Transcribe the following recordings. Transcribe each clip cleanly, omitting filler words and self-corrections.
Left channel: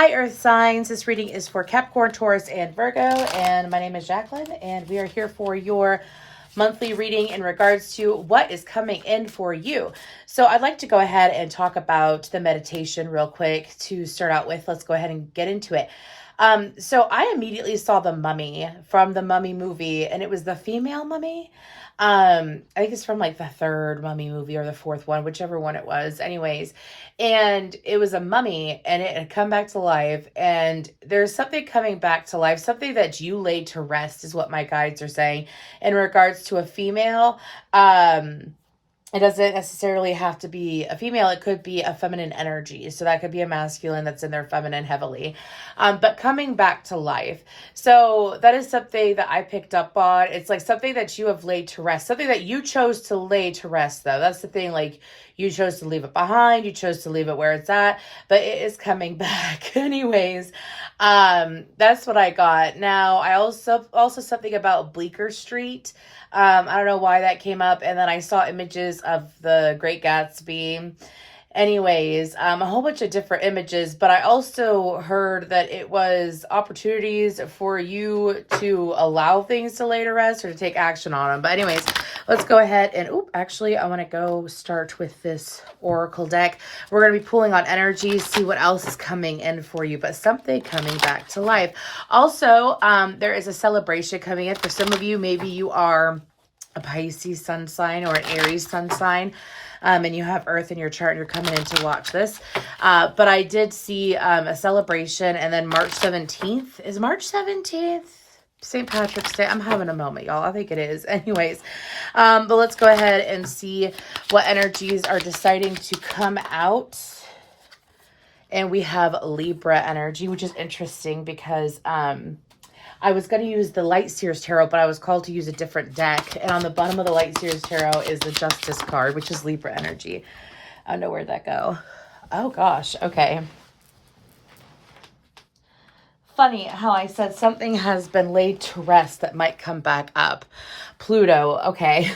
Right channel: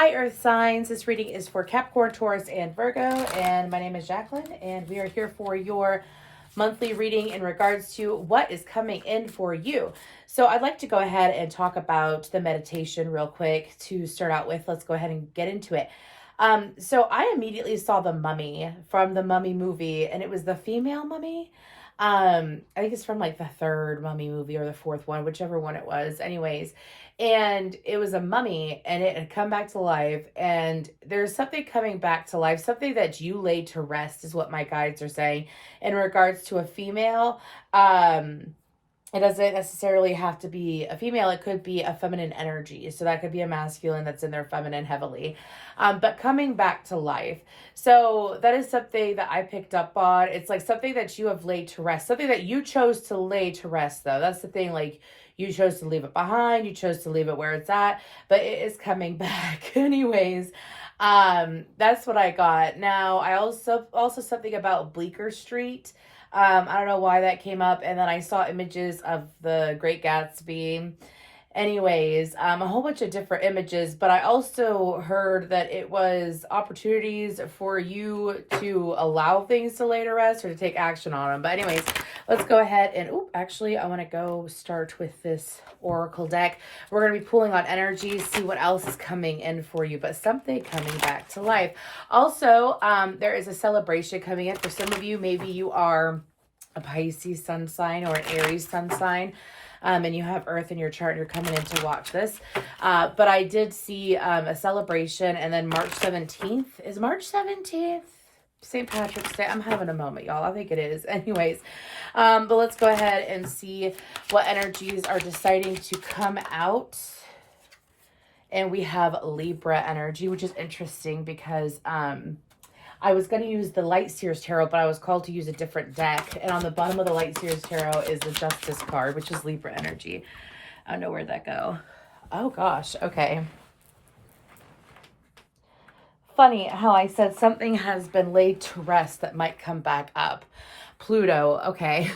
Hi, Earth signs. This reading is for Capricorn, Taurus, and Virgo, and my name is Jacqueline, and we are here for your monthly reading in regards to what is coming in for you. So I'd like to go ahead and talk about the meditation real quick to start out with. Let's go ahead and get into it. So I immediately saw the Mummy from the Mummy movie, and it was the female mummy. I think it's from like the third Mummy movie or the fourth one, whichever one it was. Anyways, and it was a mummy and it had come back to life. And there's something coming back to life, something that you laid to rest, is what my guides are saying in regards to a female. It doesn't necessarily have to be a female. It could be a feminine energy. So that could be a masculine that's in their feminine heavily. But coming back to life. So that is something that I picked up on. It's like something that you have laid to rest, something that you chose to lay to rest, though. That's the thing. Like, you chose to leave it behind. You chose to leave it where it's at, but it is coming back. Anyways, that's what I got. Now, I also something about Bleecker Street. I don't know why that came up. And then I saw images of the Great Gatsby. Anyways, a whole bunch of different images, but I also heard that it was opportunities for you to allow things to lay to rest or to take action on them. But anyways, let's go ahead and, actually, I want to go start with this Oracle deck. We're going to be pulling on energy, see what else is coming in for you, but something coming back to life. Also, there is a celebration coming in for some of you. Maybe you are a Pisces sun sign or an Aries sun sign. And you have Earth in your chart and you're coming in to watch this. But I did see a celebration, and then March 17th. Is March 17th St. Patrick's Day? I'm having a moment, y'all. I think it is. Anyways, but let's go ahead and see what energies are deciding to come out. And we have Libra energy, which is interesting because I was going to use the Light Seers Tarot, but I was called to use a different deck. And on the bottom of the Light Seers Tarot is the Justice card, which is Libra energy. I don't know where'd that go. Oh, gosh. Okay. Funny how I said something has been laid to rest that might come back up. Pluto. Okay.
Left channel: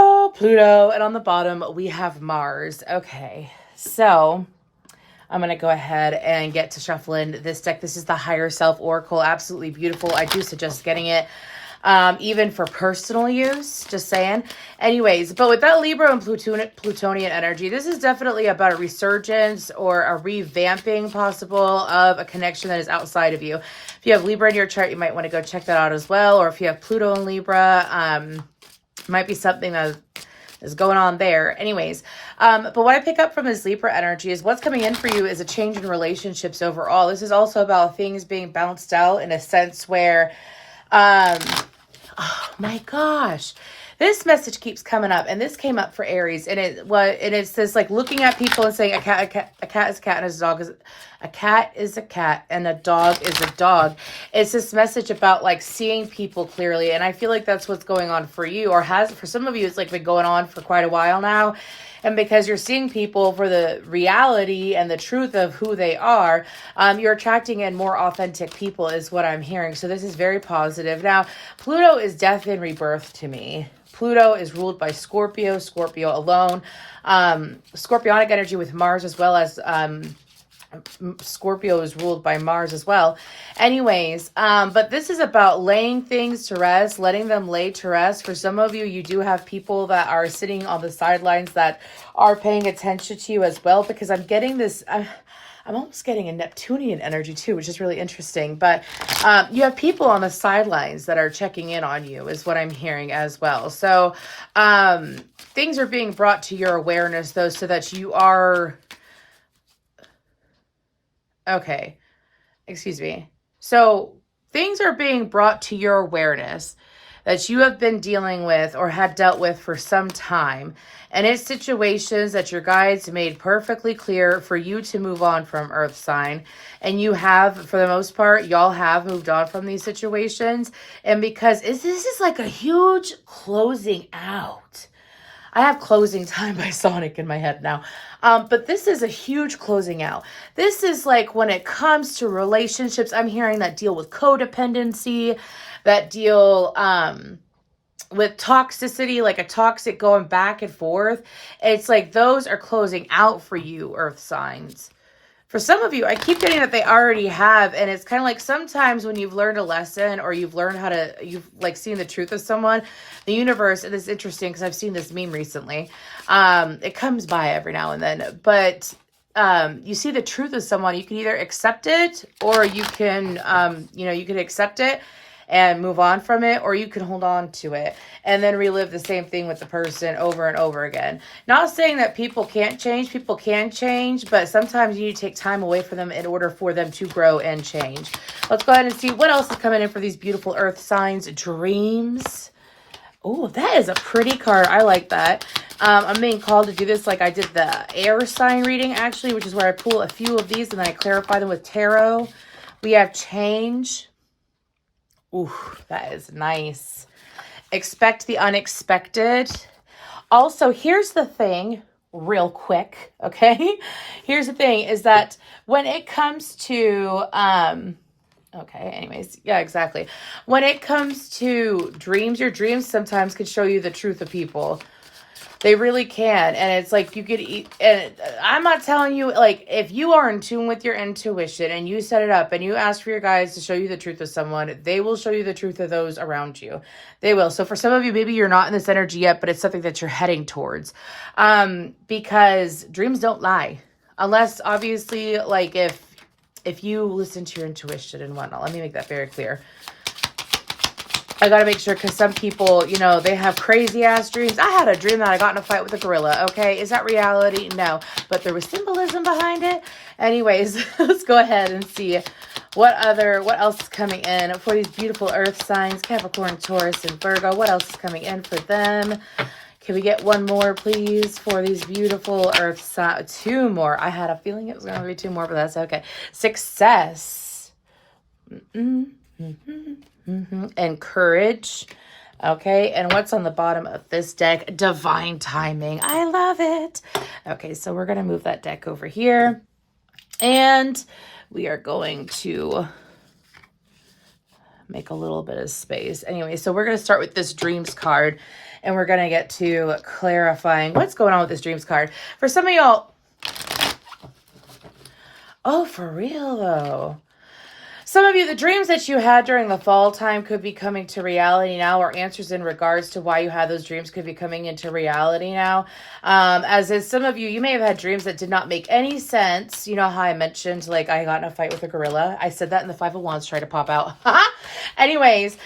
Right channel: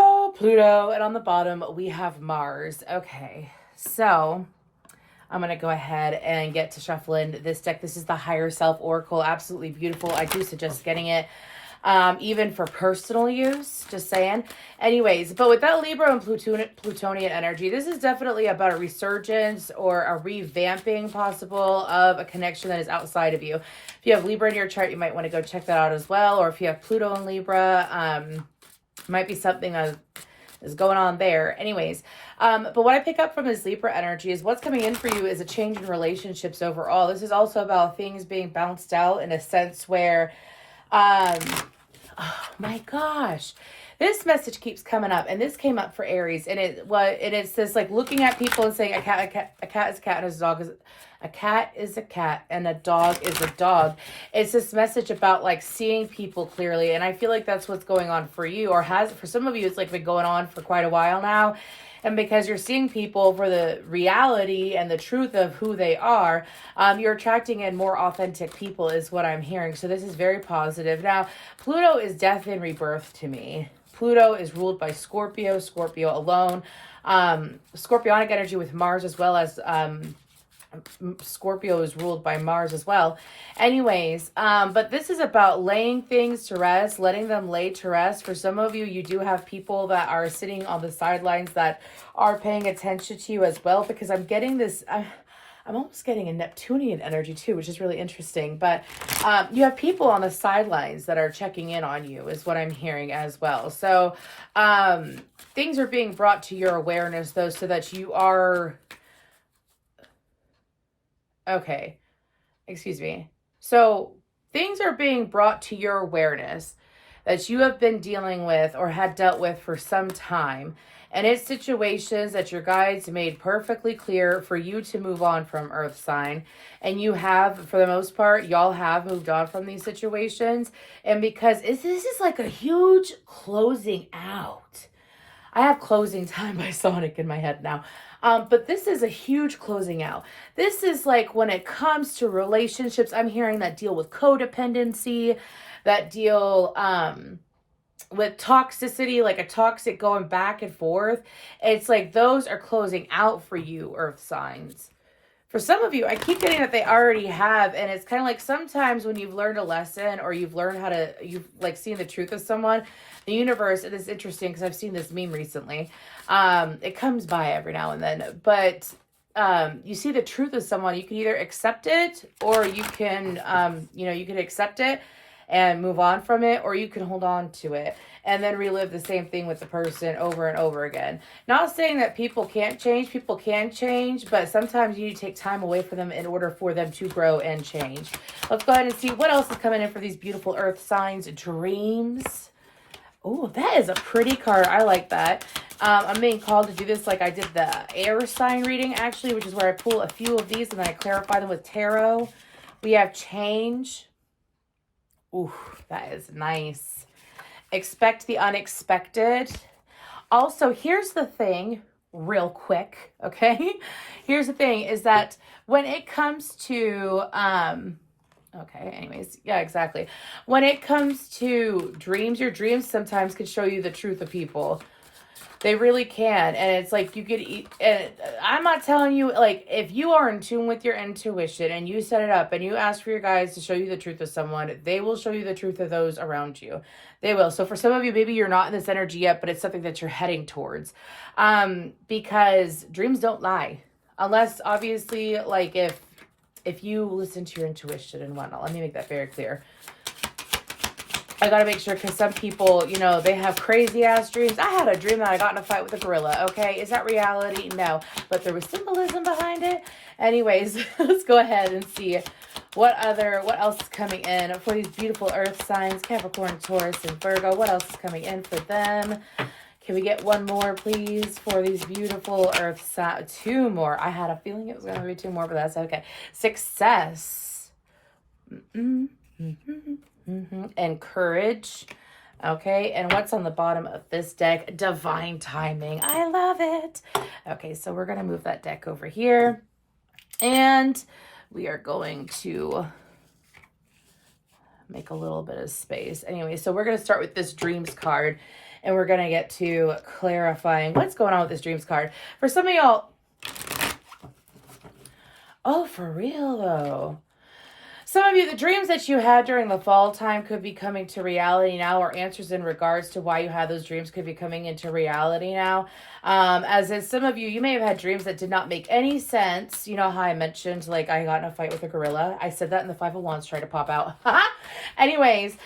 Oh, Pluto. And on the bottom, we have Mars. Okay. So I'm going to go ahead and get to shuffling this deck. This is the Higher Self Oracle. Absolutely beautiful. I do suggest getting it, even for personal use, just saying. Anyways, but with that Libra and Plutonian energy, this is definitely about a resurgence or a revamping possible of a connection that is outside of you. If you have Libra in your chart, you might want to go check that out as well. Or if you have Pluto and Libra, might be something that is going on there. Anyways, but what I pick up from this Libra energy is what's coming in for you is a change in relationships overall. This is also about things being bounced out in a sense where, oh my gosh, this message keeps coming up, and this came up for Aries, and it says like looking at people and saying a cat is a cat, and a dog is a cat is a cat, and a dog is a dog. It's this message about like seeing people clearly, and I feel like that's what's going on for you, or has for some of you. It's like been going on for quite a while now. And because you're seeing people for the reality and the truth of who they are, you're attracting in more authentic people is what I'm hearing. So this is very positive. Now, Pluto is death and rebirth to me. Pluto is ruled by Scorpio alone. Scorpionic energy with Mars, as well as Scorpio is ruled by Mars as well. Anyways, but this is about laying things to rest, letting them lay to rest. For some of you, you do have people that are sitting on the sidelines that are paying attention to you as well, because I'm getting this, I'm almost getting a Neptunian energy too, which is really interesting. But you have people on the sidelines that are checking in on you is what I'm hearing as well. So things are being brought to your awareness, though, so that you are... Okay, excuse me. So things are being brought to your awareness that you have been dealing with or have dealt with for some time. And it's situations that your guides made perfectly clear for you to move on from, Earth sign. And you have, for the most part, y'all have moved on from these situations. And because this is like a huge closing out. I have Closing Time by Sonic in my head now. But this is a huge closing out. This is like when it comes to relationships, I'm hearing that deal with codependency, that deal with toxicity, like a toxic going back and forth. It's like those are closing out for you, Earth signs. For some of you, I keep getting that they already have, and it's kind of like sometimes when you've learned a lesson or you've learned how to, you've like seen the truth of someone, the universe, and it's interesting because I've seen this meme recently. It comes by every now and then, but you see the truth of someone, you can either accept it or you can, you can accept it and move on from it, or you can hold on to it and then relive the same thing with the person over and over again. Not saying that people can't change, people can change, but sometimes you need to take time away from them in order for them to grow and change. Let's go ahead and see what else is coming in for these beautiful earth signs. Dreams. Oh, that is a pretty card. I like that. I'm being called to do this like I did the air sign reading, actually, which is where I pull a few of these and then I clarify them with tarot. We have change. Ooh, that is nice. Expect the unexpected. Also, here's the thing, real quick, okay? Here's the thing, is that when it comes to, okay, anyways, yeah, exactly. When it comes to dreams, your dreams sometimes can show you the truth of people. They really can. And it's like you could eat, and I'm not telling you, like, if you are in tune with your intuition and you set it up and you ask for your guides to show you the truth of someone, they will show you the truth of those around you. They will. So for some of you, maybe you're not in this energy yet, but it's something that you're heading towards. Because dreams don't lie. Unless, obviously, like, if you listen to your intuition and whatnot. Let me make that very clear. I gotta make sure, because some people, you know, they have crazy ass dreams. I had a dream that I got in a fight with a gorilla. Okay, is that reality? No, but there was symbolism behind it. Anyways, let's go ahead and see what else is coming in for these beautiful earth signs, Capricorn, Taurus, and Virgo. What else is coming in for them? Can we get one more, please, for these beautiful earth signs? Two more. I had a feeling it was going to be two more, but that's okay. Success. And courage. Okay, and what's on the bottom of this deck? Divine timing. I love it. Okay, so we're going to move that deck over here. And we are going to make a little bit of space. Anyway, so we're going to start with this dreams card. And we're going to get to clarifying what's going on with this dreams card. For some of y'all... Oh, for real, though. Some of you, the dreams that you had during the fall time could be coming to reality now, or answers in regards to why you had those dreams could be coming into reality now. As in some of you, you may have had dreams that did not make any sense. You know how I mentioned, like, I got in a fight with a gorilla. I said that in the Five of Wands tried to pop out. Anyways,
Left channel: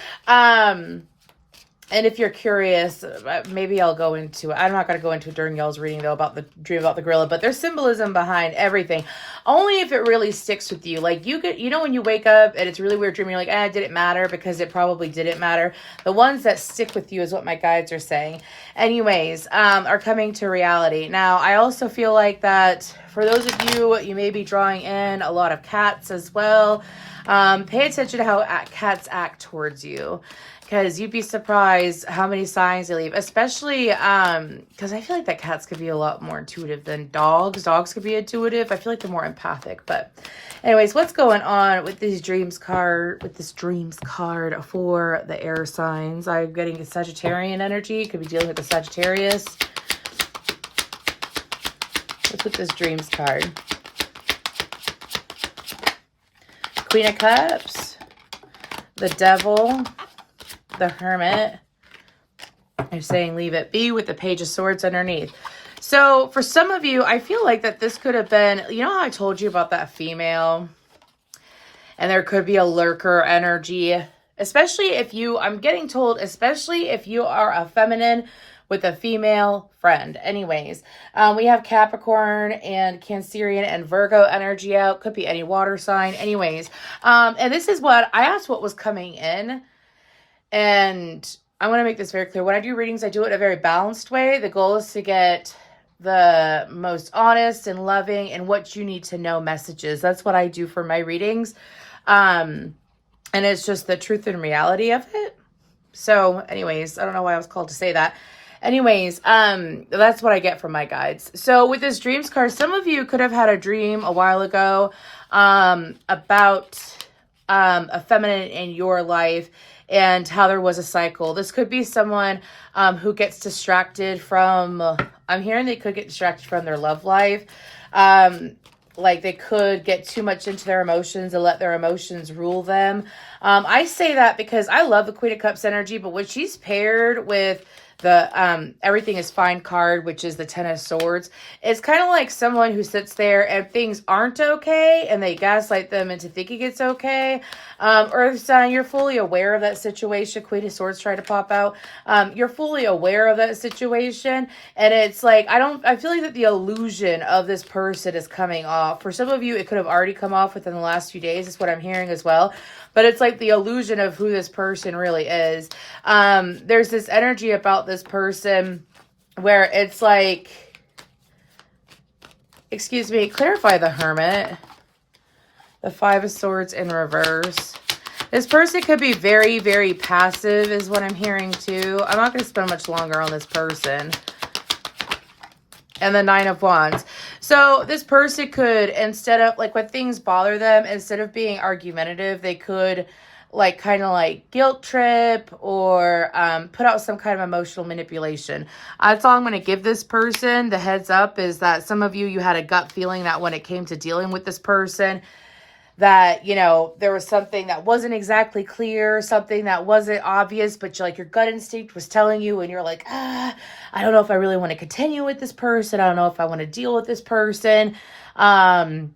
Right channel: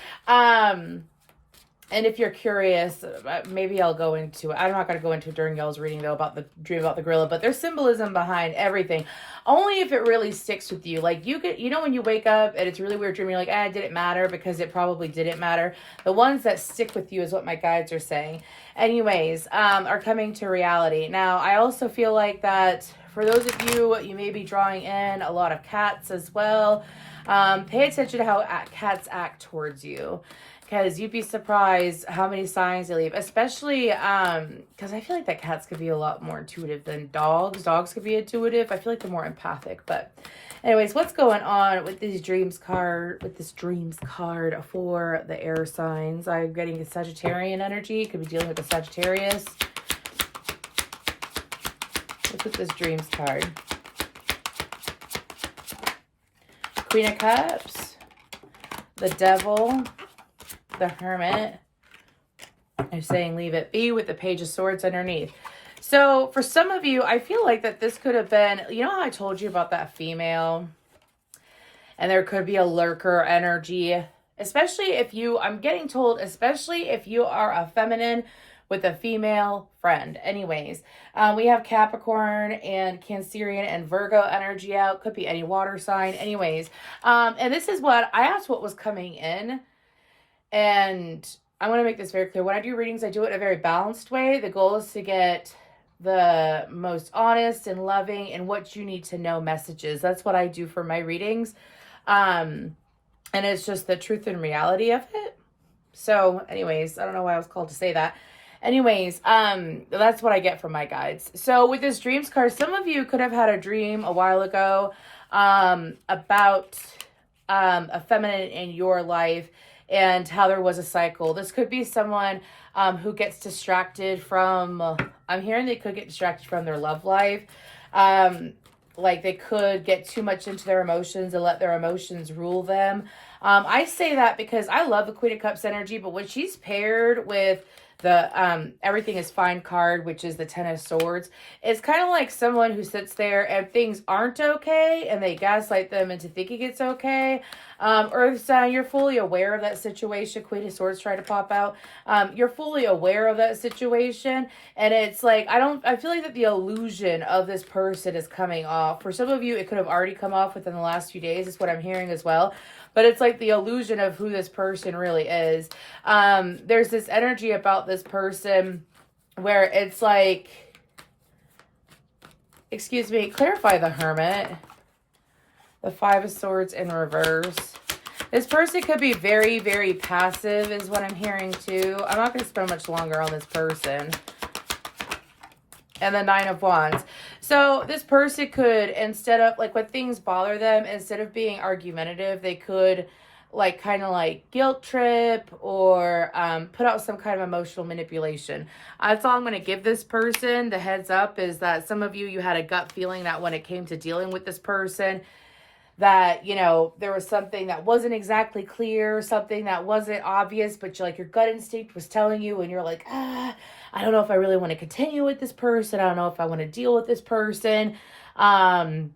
and if you're curious, maybe I'll go into it. I'm not going to go into it during y'all's reading, though, about the dream about the gorilla. But there's symbolism behind everything. Only if it really sticks with you. Like, you know when you wake up and it's a really weird dream, you're like, did it matter? Because it probably didn't matter. The ones that stick with you is what my guides are saying. Anyways, are coming to reality. Now, I also feel like that for those of you, you may be drawing in a lot of cats as well. Pay attention to how cats act towards you. Because you'd be surprised how many signs they leave. Especially because I feel like that cats could be a lot more intuitive than dogs. Dogs could be intuitive. I feel like they're more empathic. But anyways, what's going on with these dreams card, with this dreams card for the air signs? I'm getting a Sagittarian energy. Could be dealing with the Sagittarius. Let's put this dreams card. Queen of Cups. The Devil. The Hermit. They're saying leave it be with the Page of Swords underneath. So for some of you, I feel like that this could have been, you know how I told you about that female? And there could be a lurker energy. Especially if you, I'm getting told, especially if you are a feminine with a female friend. Anyways, we have Capricorn and Cancerian and Virgo energy out. Could be any water sign. Anyways, and this is what, I asked what was coming in. And I want to make this very clear. When I do readings, I do it in a very balanced way. The goal is to get the most honest and loving and what you need to know messages. That's what I do for my readings. And it's just the truth and reality of it. So anyways, I don't know why I was called to say that. Anyways, that's what I get from my guides. So with this dreams card, some of you could have had a dream a while ago about a feminine in your life and how there was a cycle. This could be someone who gets distracted from, I'm hearing they could get distracted from their love life. like they could get too much into their emotions and let their emotions rule them. I say that because I love the Queen of Cups energy, but when she's paired with the everything is fine card, which is the Ten of Swords, it's kind of like someone who sits there and things aren't okay and they gaslight them into thinking it's okay. Earth sign, you're fully aware of that situation. Queen of Swords try to pop out. You're fully aware of that situation, and it's like I feel like that the illusion of this person is coming off. For some of you, it could have already come off within the last few days, is what I'm hearing as well. But it's like the illusion of who this person really is. There's this energy about this person where it's like, excuse me, clarify the Hermit. The Five of Swords in reverse. This person could be very, very passive is what I'm hearing too. I'm not going to spend much longer on this person. And the Nine of Wands. So this person could, instead of, like, when things bother them, instead of being argumentative, they could, like, kind of like guilt trip or put out some kind of emotional manipulation. That's all I'm going to give this person. The heads up is that some of you had a gut feeling that when it came to dealing with this person, that, you know, there was something that wasn't exactly clear, something that wasn't obvious, but like your gut instinct was telling you, and you're like, I don't know if I really want to continue with this person. I don't know if I want to deal with this person. And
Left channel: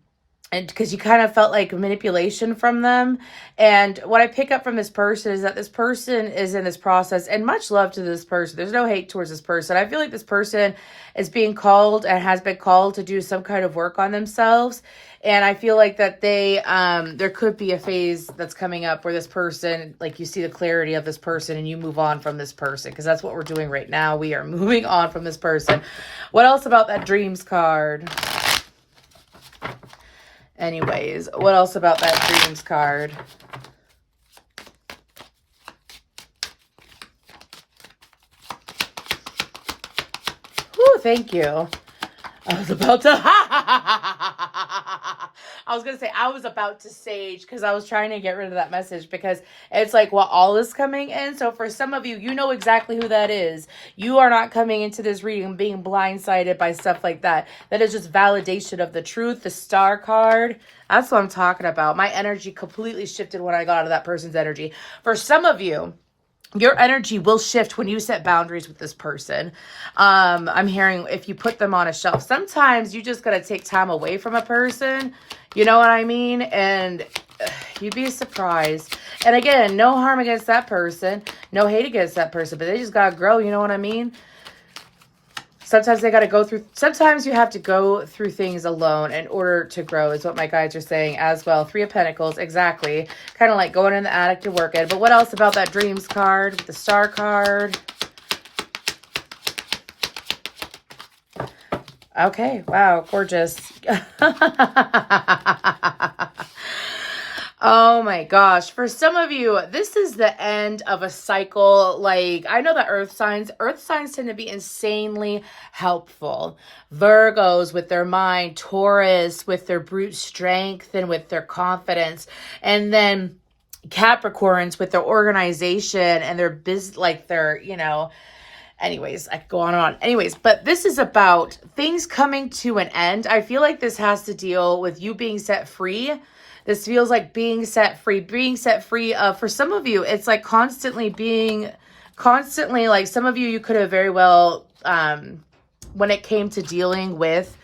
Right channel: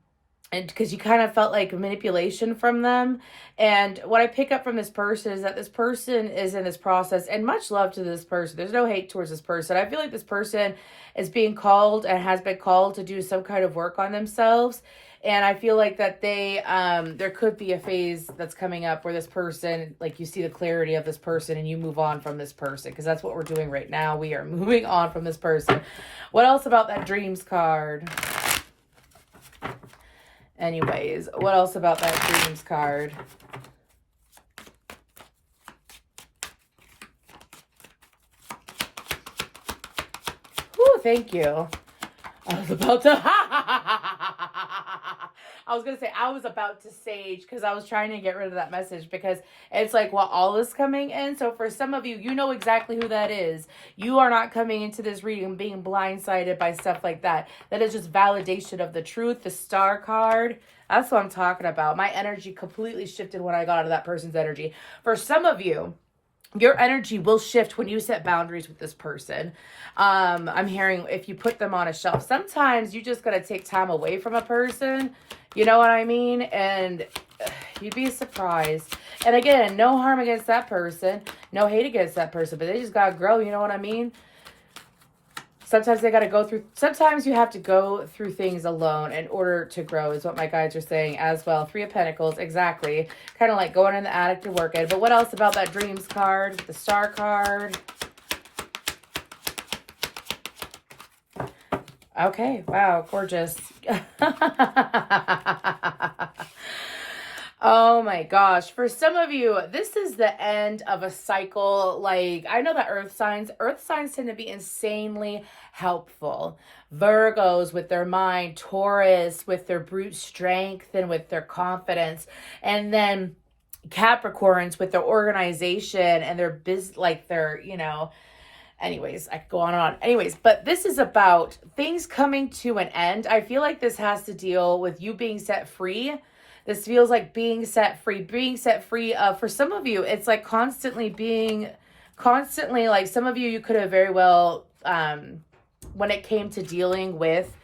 because you kind of felt like manipulation from them. And what I pick up from this person is that this person is in this process, and much love to this person. There's no hate towards this person. I feel like this person is being called and has been called to do some kind of work on themselves. And I feel like that they, there could be a phase that's coming up where this person, like you see the clarity of this person and you move on from this person, because that's what we're doing right now. We are moving on from this person. What else about that Dreams card? Anyways, what else about that Dreams card? Ooh, thank you. I was about to... I was going to say, I was about to sage because I was trying to get rid of that message, because it's like, well, all is coming in. So for some of you, you know exactly who that is. You are not coming into this reading being blindsided by stuff like that. That is just validation of the truth. The Star card, that's what I'm talking about. My energy completely shifted when I got out of that person's energy. For some of you, your energy will shift when you set boundaries with this person. I'm hearing if you put them on a shelf. Sometimes you just got to take time away from a person. You know what I mean? And you'd be surprised. And again, no harm against that person. No hate against that person. But they just got to grow. You know what I mean? Sometimes they got to go through, sometimes you have to go through things alone in order to grow, is what my guides are saying as well. Three of Pentacles, exactly. Kind of like going in the attic to work it. But what else about that Dreams card? The Star card. Okay, wow, gorgeous. Oh my gosh. For some of you, this is the end of a cycle. Like, I know that earth signs tend to be insanely helpful. Virgos with their mind, Taurus with their brute strength and with their confidence. And then Capricorns with their organization and their business, like their, you know, anyways, I could go on and on. Anyways, but this is about things coming to an end. I feel like this has to deal with you being set free. This feels like being set free. For some of you, it's like constantly, like some of you could have very well, when it came to dealing with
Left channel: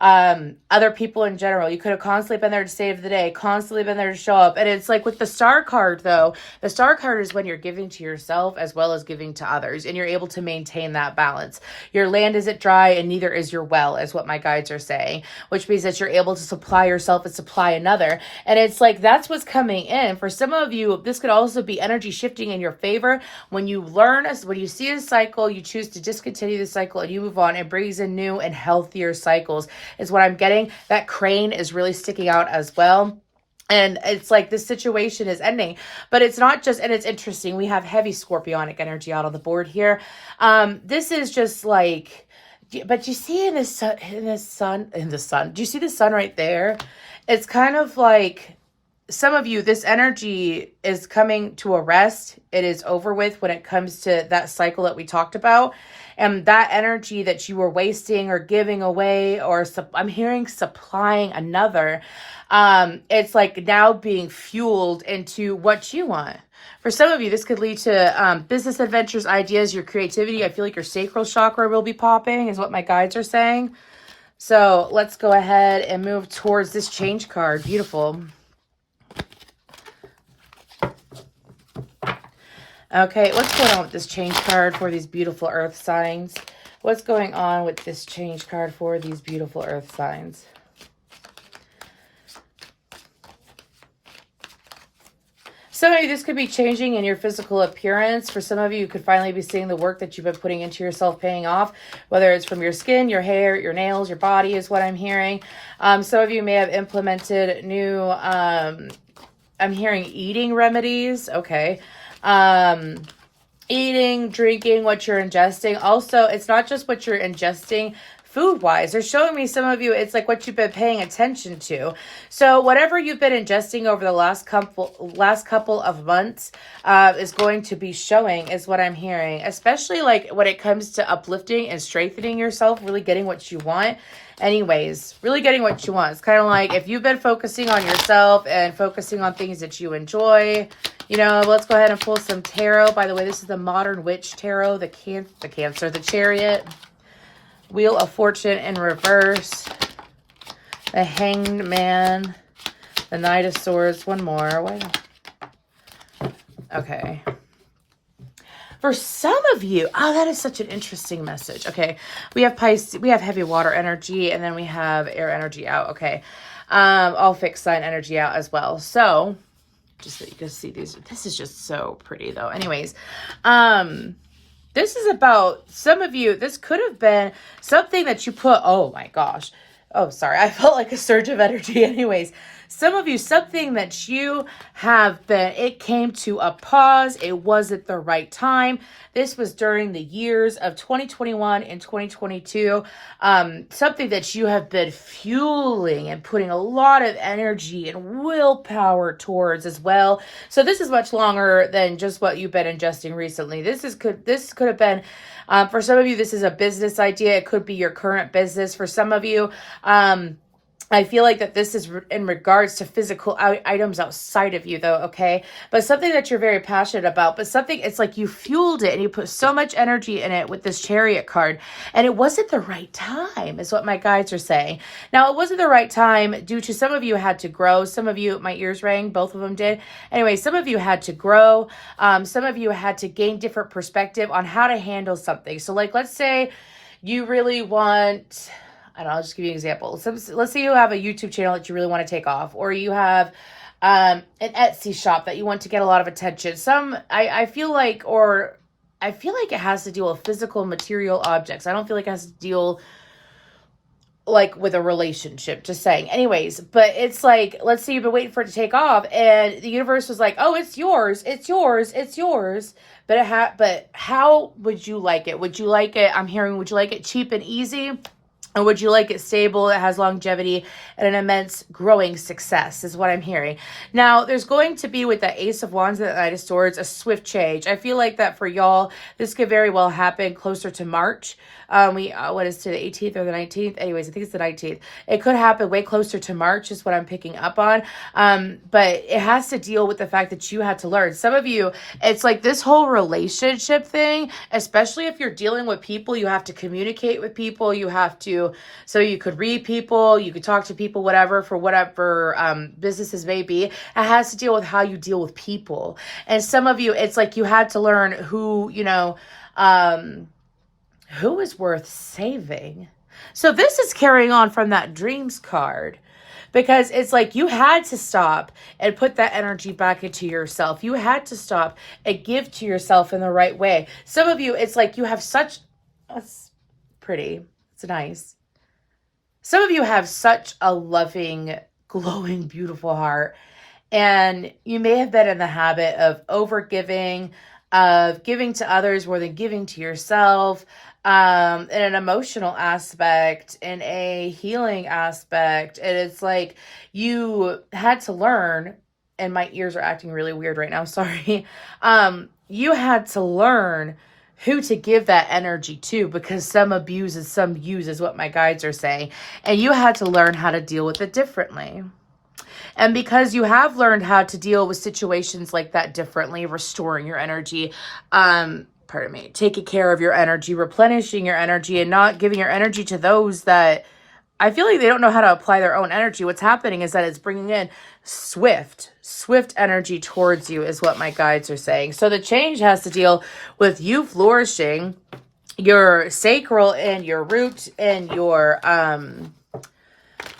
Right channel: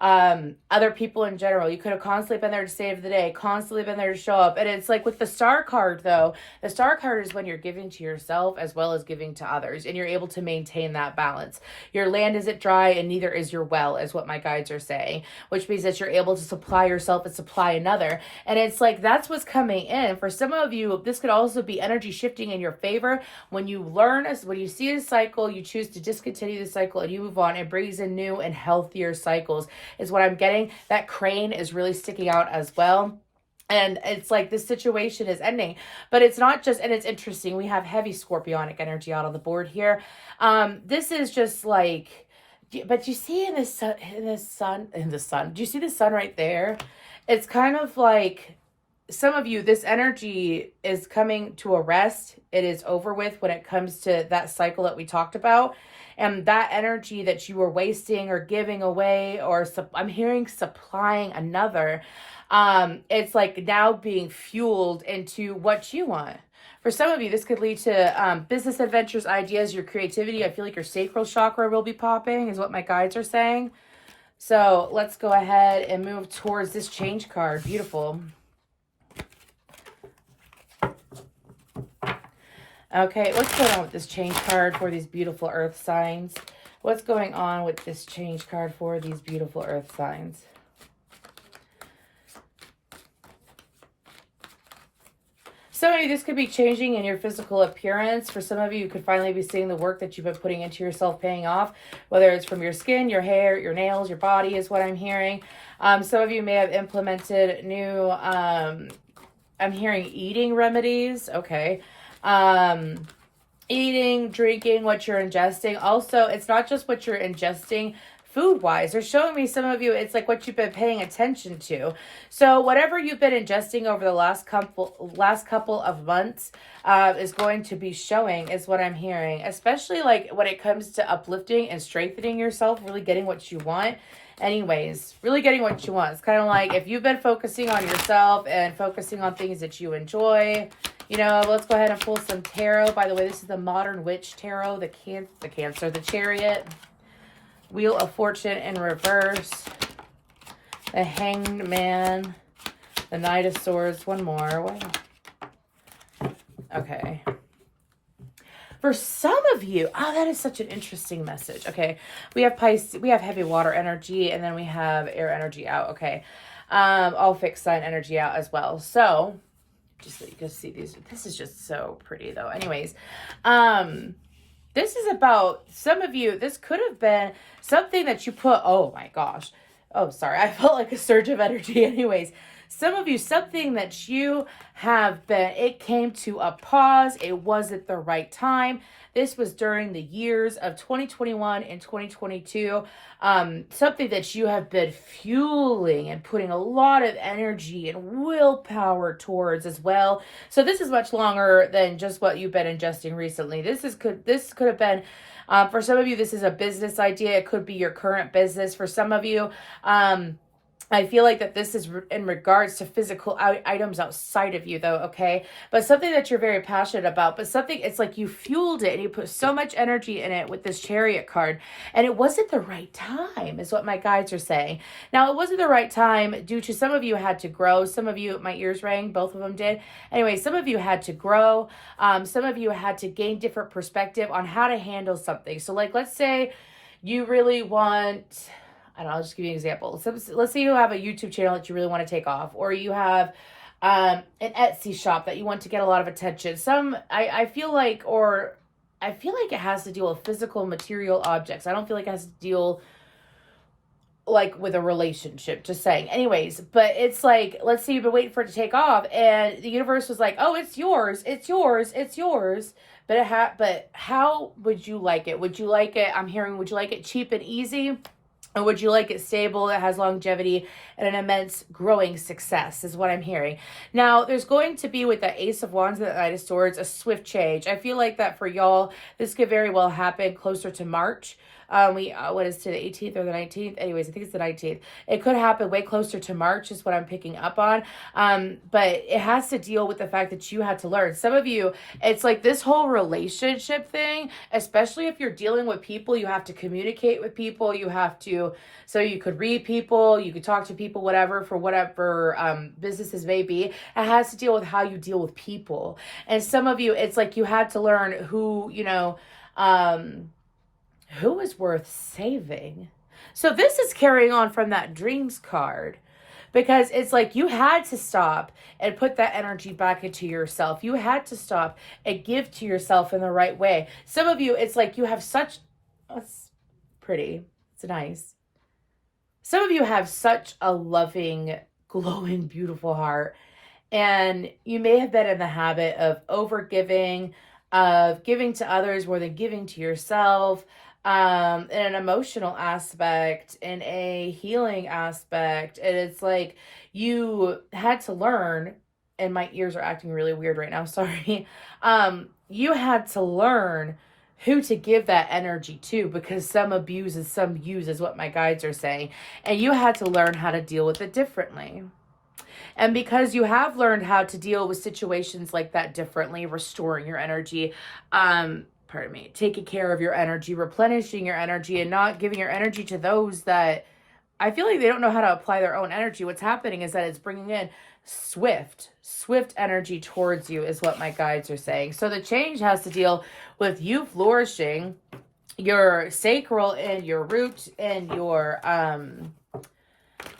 other people in general, you could have constantly been there to save the day, constantly been there to show up. And it's like with the Star card, though, the Star card is when you're giving to yourself as well as giving to others, and you're able to maintain that balance. Your land isn't dry and neither is your well, is what my guides are saying, which means that you're able to supply yourself and supply another. And it's like, that's what's coming in. For some of you, this could also be energy shifting in your favor. When you when you see a cycle, you choose to discontinue the cycle and you move on. It brings in new and healthier cycles, is what I'm getting. That crane is really sticking out as well. And it's like this situation is ending, but it's not just, and it's interesting. We have heavy scorpionic energy out on the board here. This is just like, but you see in the sun, do you see the sun right there? It's kind of like some of you, this energy is coming to a rest. It is over with when it comes to that cycle that we talked about. And that energy that you were wasting or giving away, or I'm hearing supplying another, it's like now being fueled into what you want. For some of you, this could lead to business adventures, ideas, your creativity. I feel like your sacral chakra will be popping, is what my guides are saying. So let's go ahead and move towards this change card. Beautiful. Okay, what's going on with this change card for these beautiful earth signs? What's going on with this change card for these beautiful earth signs? Some of you, this could be changing in your physical appearance. For some of you, you could finally be seeing the work that you've been putting into yourself paying off, whether it's from your skin, your hair, your nails, your body is what I'm hearing. Some of you may have implemented new, I'm hearing eating remedies. Okay. Eating, drinking, what you're ingesting. Also, it's not just what you're ingesting food-wise. They're showing me, some of you, it's like what you've been paying attention to. So whatever you've been ingesting over the last couple of months is going to be showing, is what I'm hearing. Especially like when it comes to uplifting and strengthening yourself, really getting what you want. Anyways, really getting what you want. It's kind of like if you've been focusing on yourself and focusing on things that you enjoy, you know, let's go ahead and pull some tarot. By the way, this is the Modern Witch Tarot, the Cancer, the Chariot, Wheel of Fortune in reverse, the Hanged Man, the Knight of Swords. One more. Okay. For some of you, oh, that is such an interesting message. Okay, we have Pisces, we have heavy water energy, and then we have air energy out. Okay, all fixed sign energy out as well. So, just so you can see these, this is just so pretty though. Anyways, this is about some of you. This could have been something that you put, oh my gosh. Oh, sorry. I felt like a surge of energy. Anyways, some of you, something that you have been, it came to a pause. It wasn't the right time. This was during the years of 2021 and 2022. Something that you have been fueling and putting a lot of energy and willpower towards as well. So this is much longer than just what you've been ingesting recently. This could have been, for some of you, this is a business idea. It could be your current business. For some of you, I feel like that this is in regards to physical items outside of you though, okay? But something that you're very passionate about, but something, it's like you fueled it and you put so much energy in it with this Chariot card, and it wasn't the right time is what my guides are saying. Now, it wasn't the right time due to some of you had to grow. Some of you, my ears rang, both of them did. Anyway, some of you had to grow. Some of you had to gain different perspective on how to handle something. So like, let's say you really want, I don't know, I'll just give you an example. So let's say you have a YouTube channel that you really want to take off, or you have an Etsy shop that you want to get a lot of attention. I feel like it has to deal with physical material objects. I don't feel like it has to deal like with a relationship, just saying. Anyways, but it's like, let's say you've been waiting for it to take off and the universe was like, oh, it's yours, it's yours, it's yours. But how would you like it? Would you like it, I'm hearing, would you like it cheap and easy? Or would you like it stable, it has longevity, and an immense growing success is what I'm hearing. Now, there's going to be with the Ace of Wands and the Knight of Swords, a swift change. I feel like that for y'all, this could very well happen closer to March. What is today, the 18th or the 19th? Anyways, I think it's the 19th. It could happen way closer to March is what I'm picking up on. But it has to deal with the fact that you had to learn. Some of you, it's like this whole relationship thing, especially if you're dealing with people, you have to communicate with people, you have to, so you could read people, you could talk to people, whatever, for whatever businesses may be. It has to deal with how you deal with people. And some of you, it's like you had to learn who, you know, who is worth saving. So this is carrying on from that dreams card, because it's like you had to stop and put that energy back into yourself. You had to stop and give to yourself in the right way. Some of you, it's like you have such, it's pretty, it's nice. Some of you have such a loving, glowing, beautiful heart, and you may have been in the habit of overgiving, of giving to others more than giving to yourself, in an emotional aspect, in a healing aspect. And it's like you had to learn and my ears are acting really weird right now. Sorry. You had to learn who to give that energy to, because some abuses, some uses, what my guides are saying. And you had to learn how to deal with it differently. And because you have learned how to deal with situations like that differently, restoring your energy, pardon me, taking care of your energy, replenishing your energy, and not giving your energy to those that I feel like they don't know how to apply their own energy. What's happening is that it's bringing in swift energy towards you, is what my guides are saying. So the change has to deal with you flourishing your sacral and your root and your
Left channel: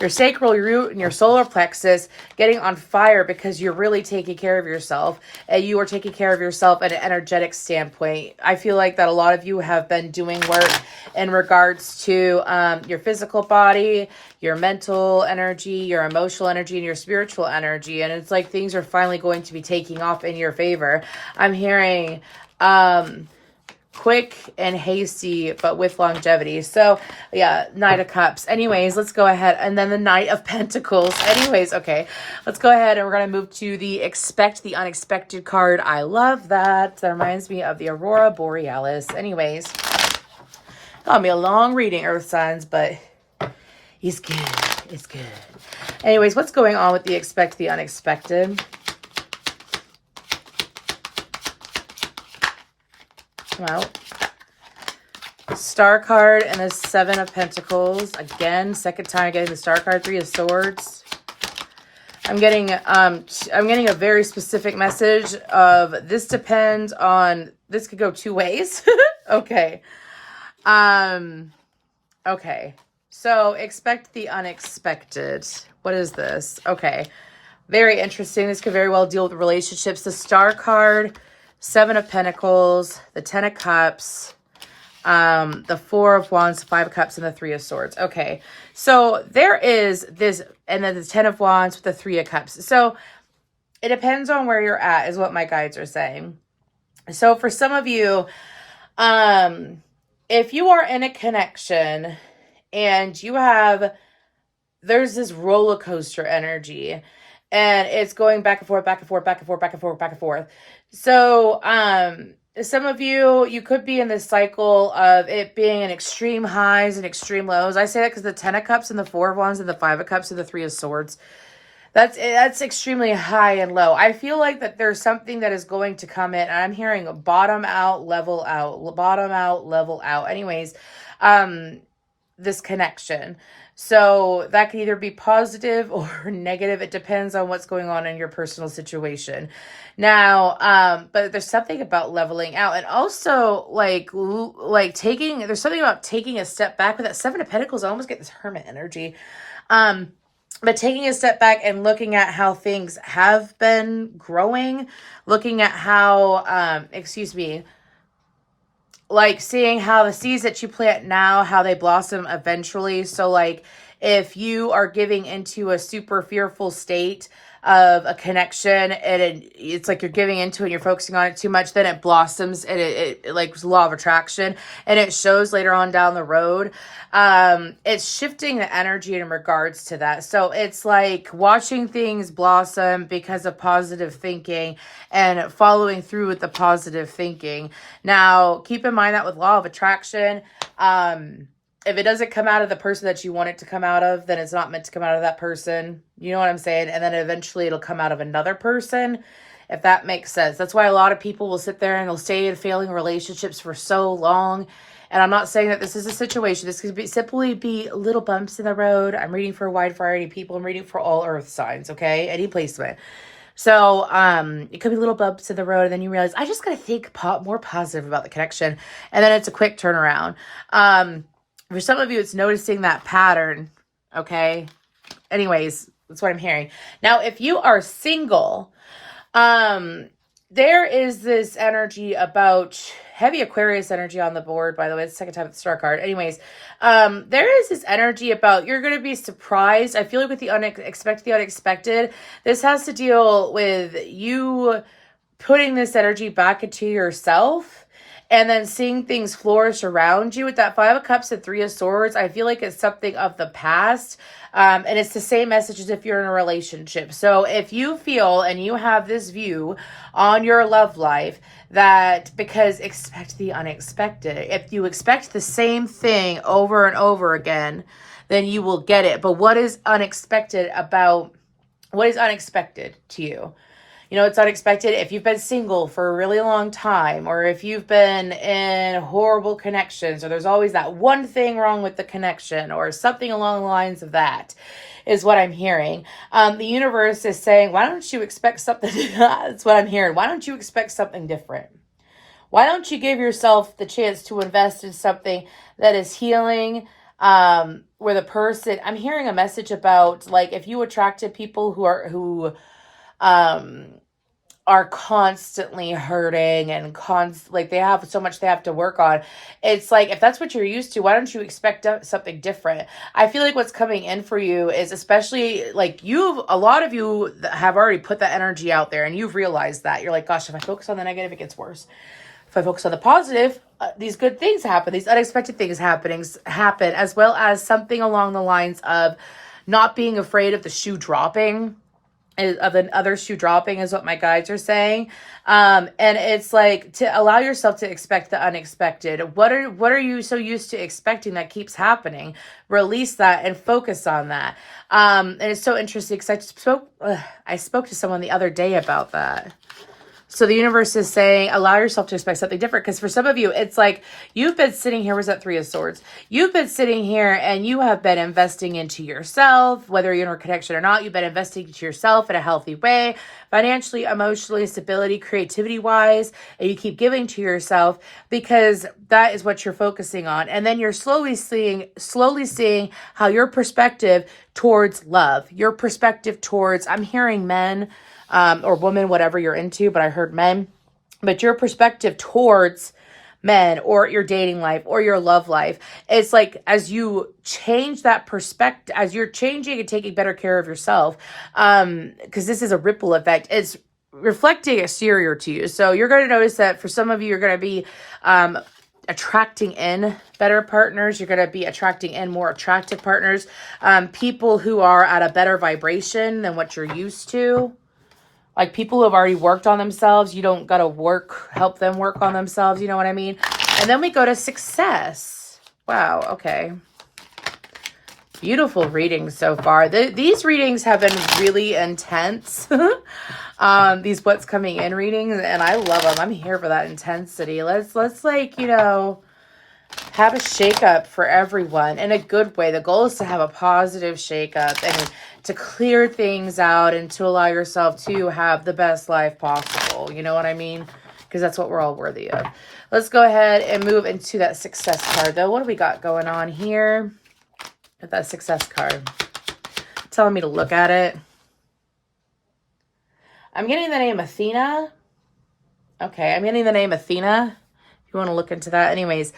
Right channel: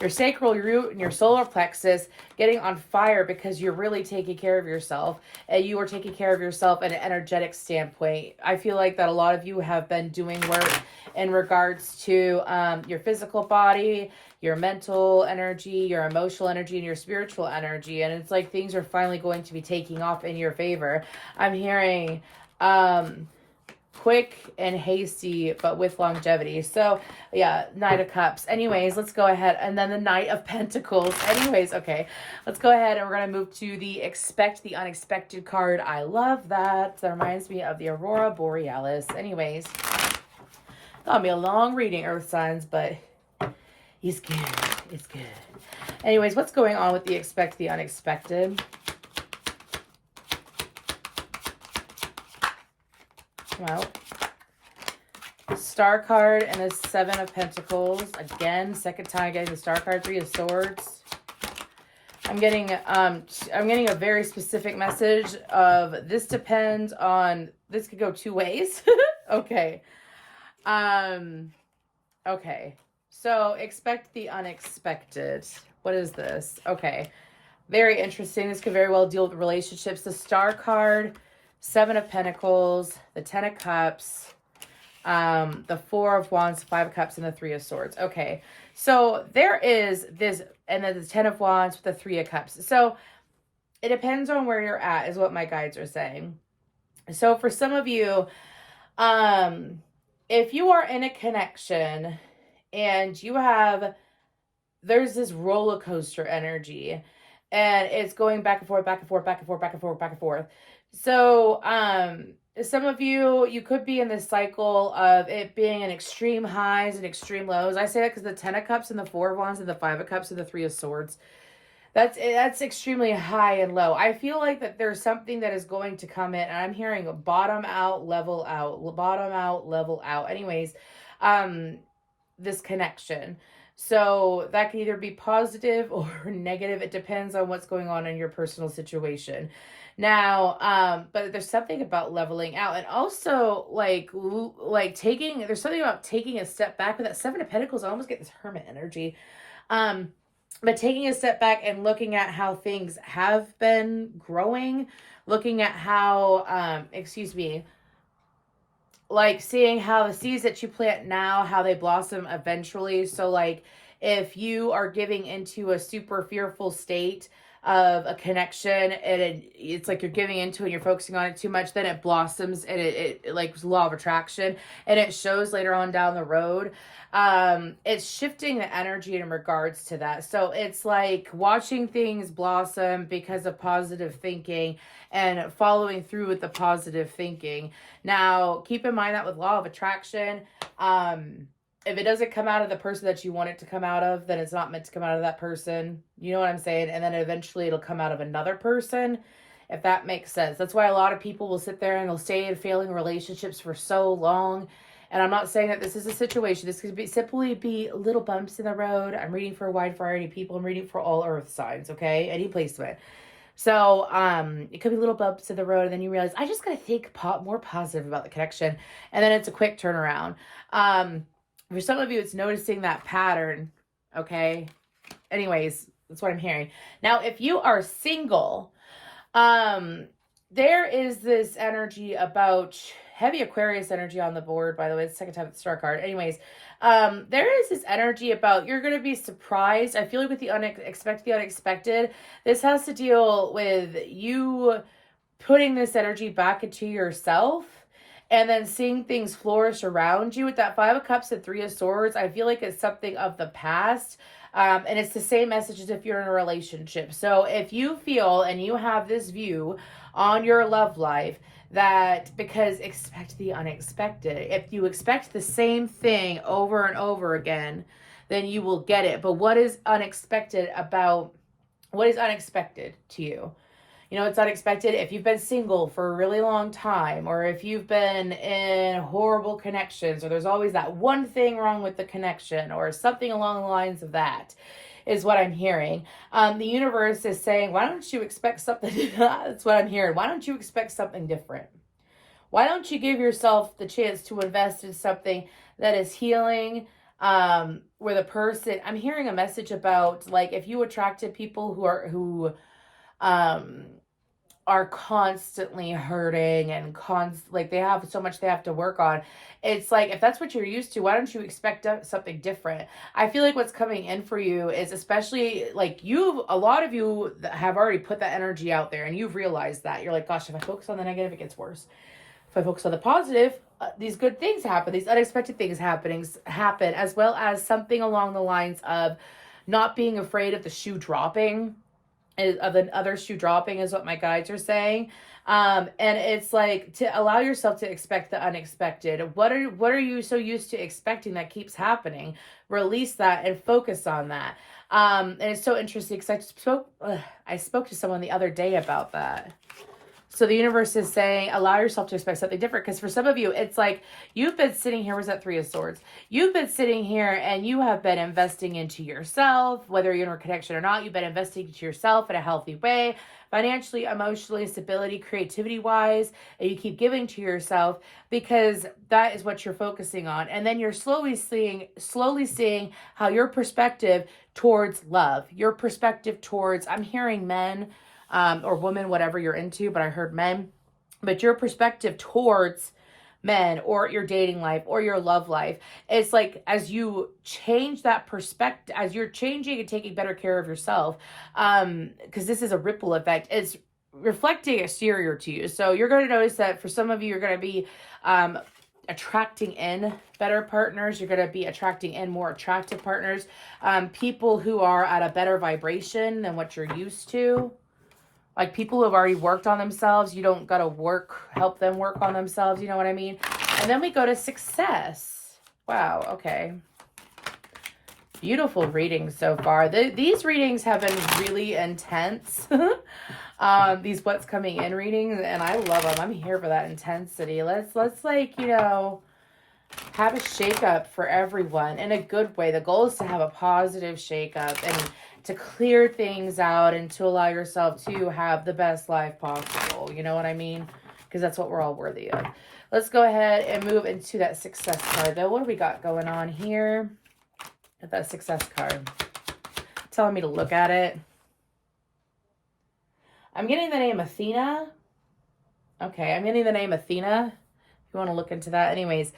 sacral root and your solar plexus getting on fire, because you're really taking care of yourself, and you are taking care of yourself at an energetic standpoint. I feel like that a lot of you have been doing work in regards to your physical body, your mental energy, your emotional energy, and your spiritual energy. And it's like things are finally going to be taking off in your favor. I'm hearing quick and hasty, but with longevity. So yeah, Knight of Cups. Anyways, let's go ahead. And then the Knight of Pentacles. Anyways, okay, let's go ahead and we're going to move to the Expect the Unexpected card. I love that. That reminds me of the Aurora Borealis. Anyways, got me a long reading, Earth signs, but it's good. It's good. Anyways, what's going on with the Expect the Unexpected? Well, Star card and the Seven of Pentacles. Again, second time getting the Star card, Three of Swords. I'm getting a very specific message of this depends on, this could go two ways. Okay. Okay. So expect the unexpected. What is this? Okay. Very interesting. This could very well deal with relationships. The Star card, Seven of Pentacles, the Ten of Cups, the Four of Wands, Five of Cups, and the Three of Swords. Okay, so there is this, and then the Ten of Wands with the Three of Cups. So it depends on where you're at, is what my guides are saying. So for some of you, if you are in a connection and you have, there's this roller coaster energy, and it's going back and forth, back and forth, back and forth, back and forth, back and forth. So, some of you could be in this cycle of it being an extreme highs and extreme lows. I say that because the Ten of Cups and the Four of Wands and the Five of Cups and the Three of Swords, that's extremely high and low. I feel like that there's something that is going to come in. And I'm hearing bottom out, level out, bottom out, level out. Anyways, this connection. So that can either be positive or negative. It depends on what's going on in your personal situation. Now, but there's something about leveling out, and also like taking, there's something about taking a step back with that Seven of Pentacles. I almost get this Hermit energy. But taking a step back and looking at how things have been growing, looking at how, like seeing how the seeds that you plant now, how they blossom eventually. So like if you are giving into a super fearful state of a connection, and it's like you're giving into it and you're focusing on it too much, then it blossoms, and it like law of attraction, and it shows later on down the road. It's shifting the energy in regards to that. So it's like watching things blossom because of positive thinking and following through with the positive thinking. Now, keep in mind that with law of attraction, if it doesn't come out of the person that you want it to come out of, then it's not meant to come out of that person. You know what I'm saying? And then eventually it'll come out of another person, if that makes sense. That's why a lot of people will sit there and they'll stay in failing relationships for so long. And I'm not saying that this is a situation. This could simply be little bumps in the road. I'm reading for a wide variety of people. I'm reading for all earth signs, okay? Any placement. So it could be little bumps in the road, and then you realize, I just got to think more positive about the connection. And then it's a quick turnaround. For some of you, it's noticing that pattern, okay? Anyways, that's what I'm hearing. Now, if you are single, there is this energy about heavy Aquarius energy on the board, by the way. It's the second time with the Star card. Anyways, there is this energy about you're going to be surprised. I feel like with the unexpected, this has to deal with you putting this energy back into yourself and then seeing things flourish around you. With that Five of Cups and Three of Swords, I feel like it's something of the past. And it's the same message as if you're in a relationship. So if you feel and you have this view on your love life, that because expect the unexpected. If you expect the same thing over and over again, then you will get it. But what is unexpected to you? You know, it's unexpected if you've been single for a really long time, or if you've been in horrible connections, or there's always that one thing wrong with the connection, or something along the lines of that is what I'm hearing. The universe is saying, why don't you expect something? That's what I'm hearing. Why don't you expect something different? Why don't you give yourself the chance to invest in something that is healing, where the person, I'm hearing a message about, like, if you attracted people who are constantly hurting and like they have so much they have to work on. It's like, if that's what you're used to, why don't you expect something different? I feel like what's coming in for you is, especially like a lot of you have already put that energy out there, and you've realized that you're like, gosh, if I focus on the negative, it gets worse. If I focus on the positive, these good things happen, these unexpected things happen, as well as something along the lines of not being afraid of the shoe dropping, of another shoe dropping, is what my guides are saying. And it's like, to allow yourself to expect the unexpected. What are you so used to expecting that keeps happening? Release that and focus on that. And it's so interesting because I spoke to someone the other day about that. So the universe is saying, allow yourself to expect something different. Because for some of you, it's like, you've been sitting here, was that Three of Swords? You've been sitting here and you have been investing into yourself, whether you're in a connection or not. You've been investing into yourself in a healthy way, financially, emotionally, stability, creativity wise. And you keep giving to yourself because that is what you're focusing on. And then you're slowly seeing how your perspective towards love, your perspective towards, I'm hearing men, or woman, whatever you're into, but I heard men. But your perspective towards men, or your dating life, or your love life, it's like, as you change that perspective, as you're changing and taking better care of yourself, because this is a ripple effect, it's reflecting exterior to you. So you're going to notice that for some of you, you're going to be attracting in better partners. You're going to be attracting in more attractive partners, people who are at a better vibration than what you're used to. Like people who have already worked on themselves. You don't got to help them work on themselves. You know what I mean? And then we go to success. Wow. Okay. Beautiful readings so far. These readings have been really intense. These what's coming in readings, and I love them. I'm here for that intensity. Let's like, have a shakeup for everyone in a good way. The goal is to have a positive shakeup and to clear things out and to allow yourself to have the best life possible. You know what I mean? Because that's what we're all worthy of. Let's go ahead and move into that success card, though. What do we got going on here with that success card? Telling me to look at it. I'm getting the name Athena. Okay, I'm getting the name Athena. If you want to look into that. Anyways,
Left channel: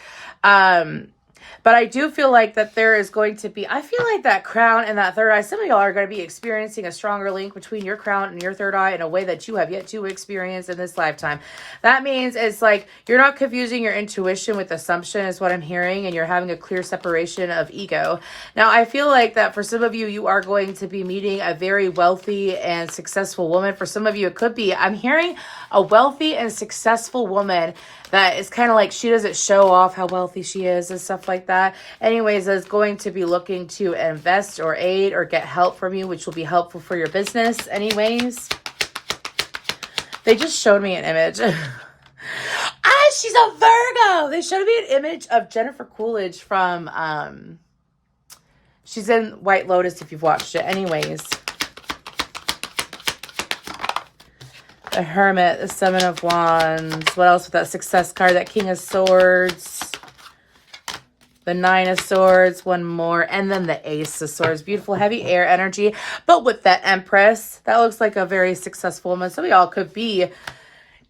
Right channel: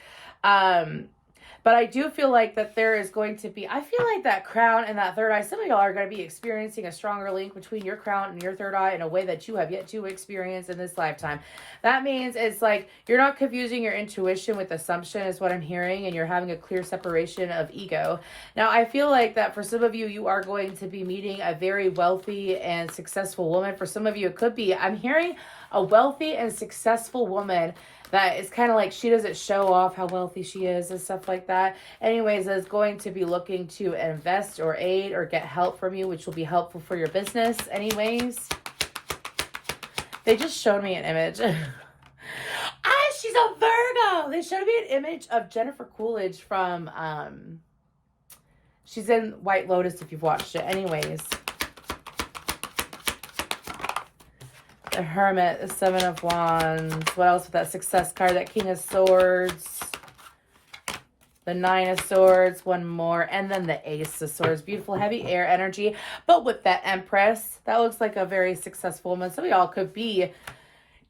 but I do feel like that there is going to be, I feel like that crown and that third eye, some of y'all are going to be experiencing a stronger link between your crown and your third eye in a way that you have yet to experience in this lifetime. That means it's like you're not confusing your intuition with assumption is what I'm hearing, and you're having a clear separation of ego. Now, I feel like that for some of you, you are going to be meeting a very wealthy and successful woman. For some of you, it could be, I'm hearing a wealthy and successful woman that is kind of like, she doesn't show off how wealthy she is and stuff like that. Anyways, is going to be looking to invest or aid or get help from you, which will be helpful for your business. Anyways, they just showed me an image. She's a Virgo. They showed me an image of Jennifer Coolidge from, she's in White Lotus if you've watched it. Anyways. The Hermit, the Seven of Wands. What else with that success card? That King of Swords. The Nine of Swords. One more. And then the Ace of Swords. Beautiful, heavy air energy. But with that Empress, that looks like a very successful woman. Some of y'all could be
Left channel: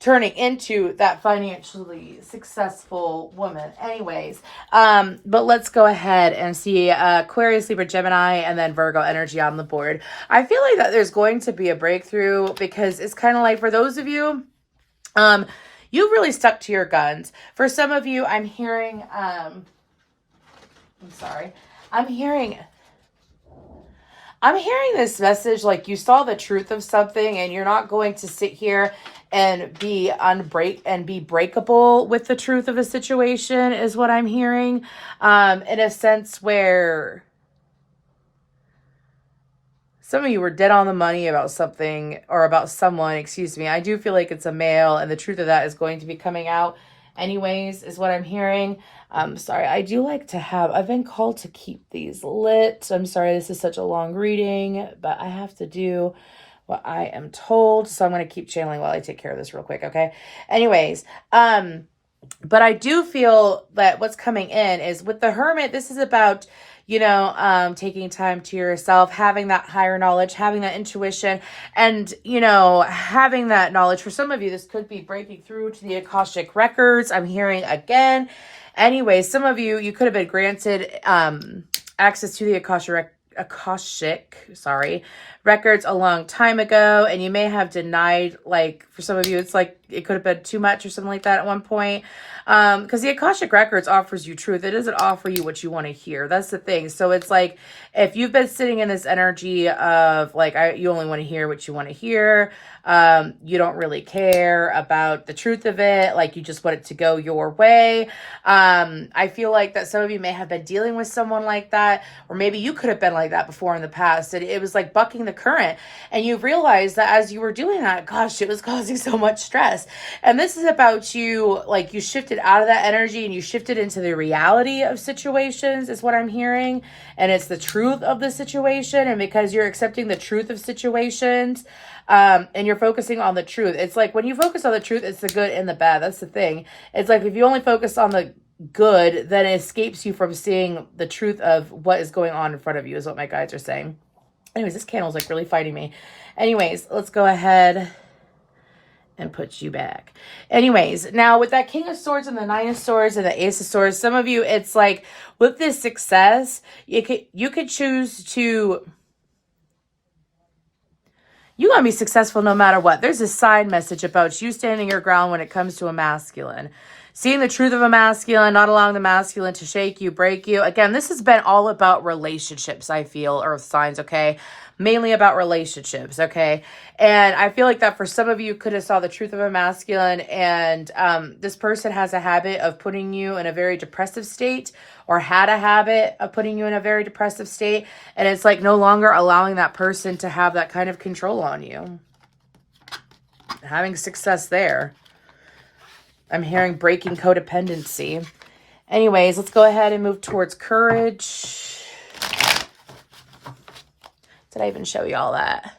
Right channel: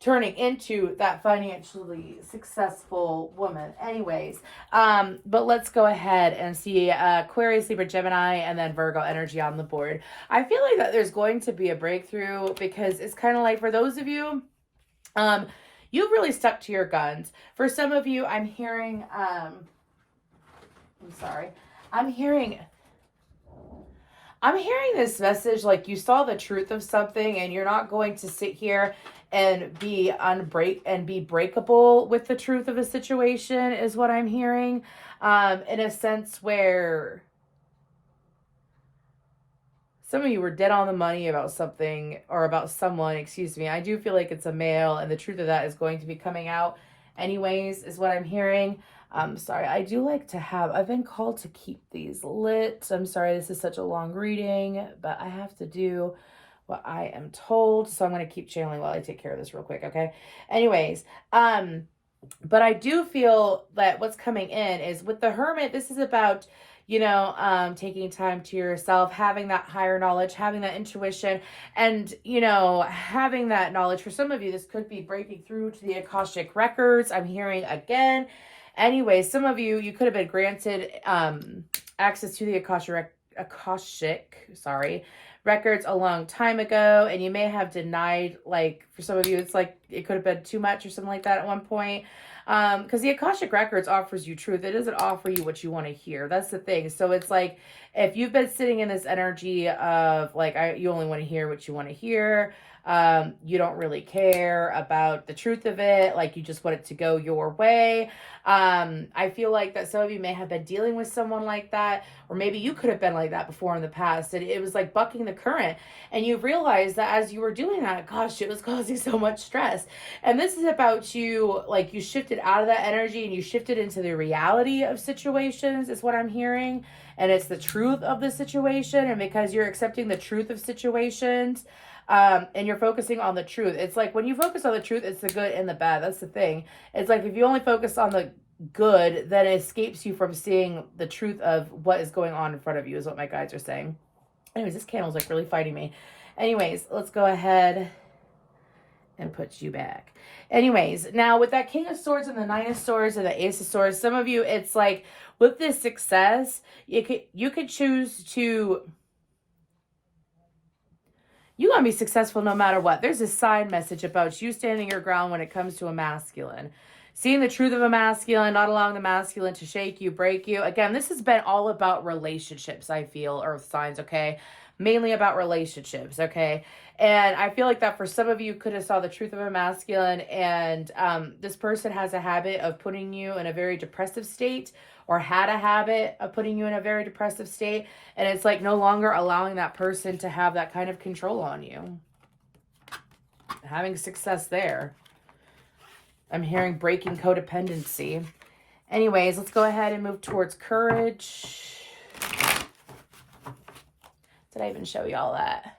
turning into that financially successful woman. Anyways, but let's go ahead and see Aquarius, Libra, Gemini, and then Virgo energy on the board. I feel like that there's going to be a breakthrough, because it's kind of like, for those of you, you've really stuck to your guns. For some of you, I'm hearing, I'm sorry, I'm hearing this message like you saw the truth of something and you're not going to sit here and be breakable with the truth of a situation is what I'm hearing. In a sense where some of you were dead on the money about something or about someone, excuse me. I do feel like it's a male and the truth of that is going to be coming out anyways, is what I'm hearing. Sorry, I do like to have, I've been called to keep these lit. I'm sorry, this is such a long reading, but I have to do what I am told. So I'm going to keep channeling while I take care of this real quick. Okay. Anyways, but I do feel that what's coming in is with the Hermit, this is about, taking time to yourself, having that higher knowledge, having that intuition, and, having that knowledge. For some of you, this could be breaking through to the Akashic records. I'm hearing again. Anyway, some of you, you could have been granted access to the Akashic records a long time ago, and you may have denied, like, for some of you, it's like it could have been too much or something like that at one point. Because the Akashic records offers you truth. It doesn't offer you what you want to hear. That's the thing. So it's like, if you've been sitting in this energy of like, you only want to hear what you want to hear. You don't really care about the truth of it. Like, you just want it to go your way. I feel like that some of you may have been dealing with someone like that, or maybe you could have been like that before in the past. And it was like bucking the current. And you realized that as you were doing that, gosh, it was causing so much stress. And this is about you, like, you shifted out of that energy and you shifted into the reality of situations is what I'm hearing. And it's the truth of the situation. And because you're accepting the truth of situations, and you're focusing on the truth. It's like when you focus on the truth, it's the good and the bad. That's the thing. It's like if you only focus on the good, then it escapes you from seeing the truth of what is going on in front of you, is what my guides are saying. Anyways, this candle's like really fighting me. Anyways, let's go ahead and put you back. Anyways, now with that King of Swords and the Nine of Swords and the Ace of Swords, some of you, it's like with this success, you could choose to, you're going to be successful no matter what. There's a side message about you standing your ground when it comes to a masculine. Seeing the truth of a masculine, not allowing the masculine to shake you, break you. Again, this has been all about relationships, I feel, earth signs, okay? Mainly about relationships, okay? And I feel like that for some of you could have saw the truth of a masculine, and this person has a habit of putting you in a very depressive state, or had a habit of putting you in a very depressive state, and it's like no longer allowing that person to have that kind of control on you. Having success there. I'm hearing breaking codependency. Anyways, let's go ahead and move towards courage. Did I even show you all that?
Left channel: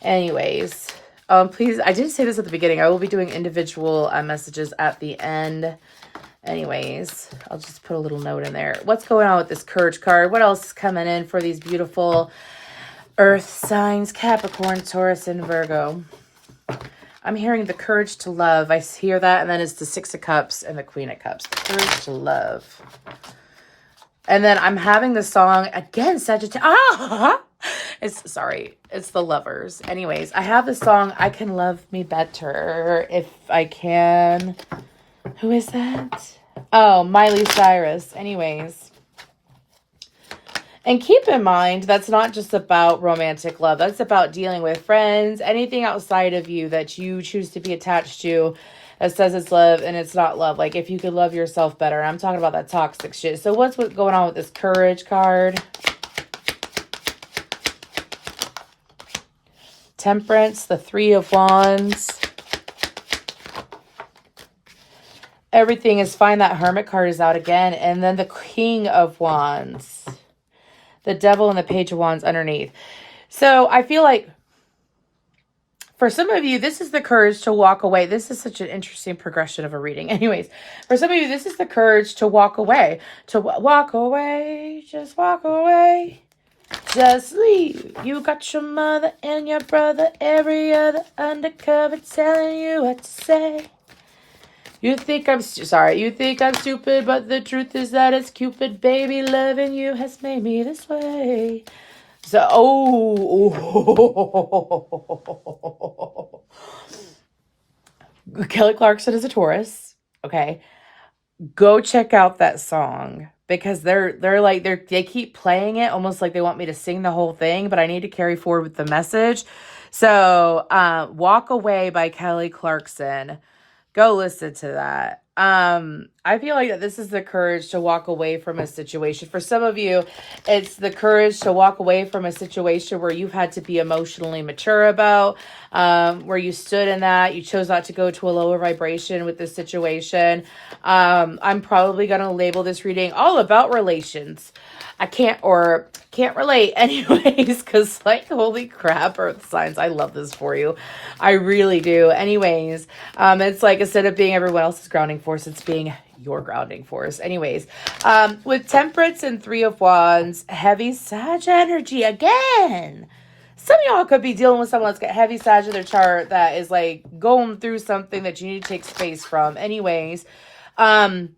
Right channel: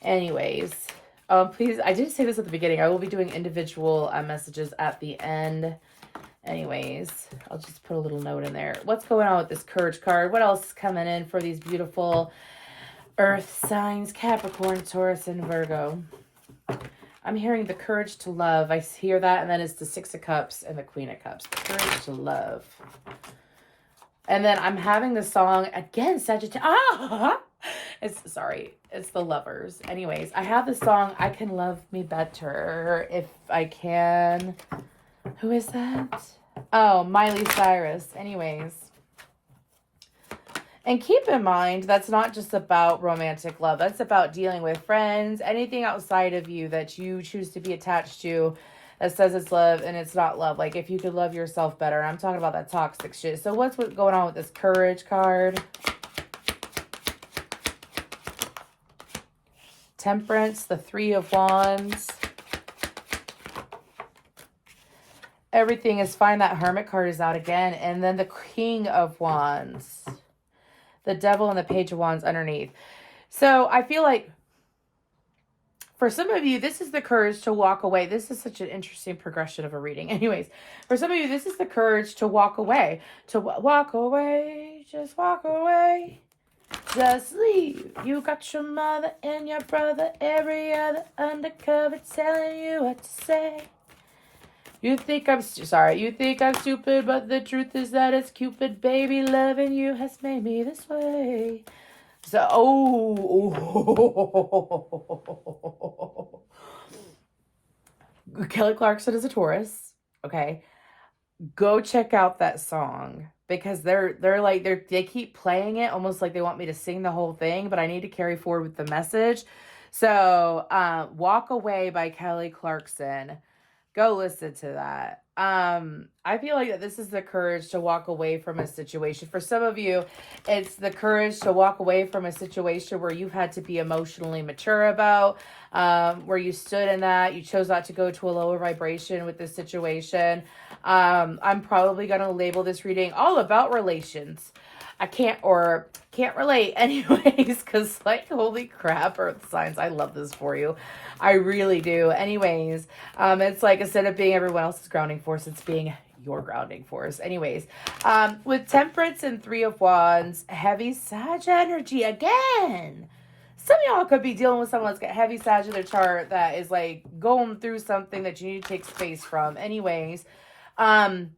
Anyways, please, I didn't say this at the beginning. I will be doing individual messages at the end. Anyways, I'll just put a little note in there. What's going on with this courage card? What else is coming in for these beautiful earth signs, Capricorn, Taurus, and Virgo? I'm hearing the courage to love. I hear that, and then it's the Six of Cups and the Queen of Cups. The courage to love. And then I'm having the song, again, Sagittarius. It's the Lovers. Anyways, I have the song, I Can Love Me Better If I Can. Who is that? Oh, Miley Cyrus. Anyways. And keep in mind, that's not just about romantic love. That's about dealing with friends, anything outside of you that you choose to be attached to that says it's love and it's not love. Like if you could love yourself better. I'm talking about that toxic shit. So what's going on with this courage card? Temperance, the Three of Wands. Everything is fine. That Hermit card is out again. And then the King of Wands. The Devil and the Page of Wands underneath. So I feel like for some of you, this is the courage to walk away. This is such an interesting progression of a reading. Anyways, for some of you, this is the courage to walk away. To walk away. Just walk away. Just leave. You got your mother and your brother, every other undercover telling you what to say. You think I'm stupid, but the truth is that it's Cupid, baby. Loving you has made me this way. So, Kelly Clarkson is a Taurus. Okay. Go check out that song because they keep playing it almost like they want me to sing the whole thing, but I need to carry forward with the message. So, Walk Away by Kelly Clarkson. Go listen to that. I feel like that this is the courage to walk away from a situation. For some of you, it's the courage to walk away from a situation where you've had to be emotionally mature about, where you stood in that. You chose not to go to a lower vibration with this situation. I'm probably going to label this reading all about relations. I can't relate anyways, because like, holy crap, earth signs, I love this for you. I really do. Anyways, it's like, instead of being everyone else's grounding force, it's being your grounding force. Anyways, with Temperance and Three of Wands, heavy Sag energy again. Some of y'all could be dealing with someone that's got heavy Sag in their chart that is like going through something that you need to take space from. Anyways, and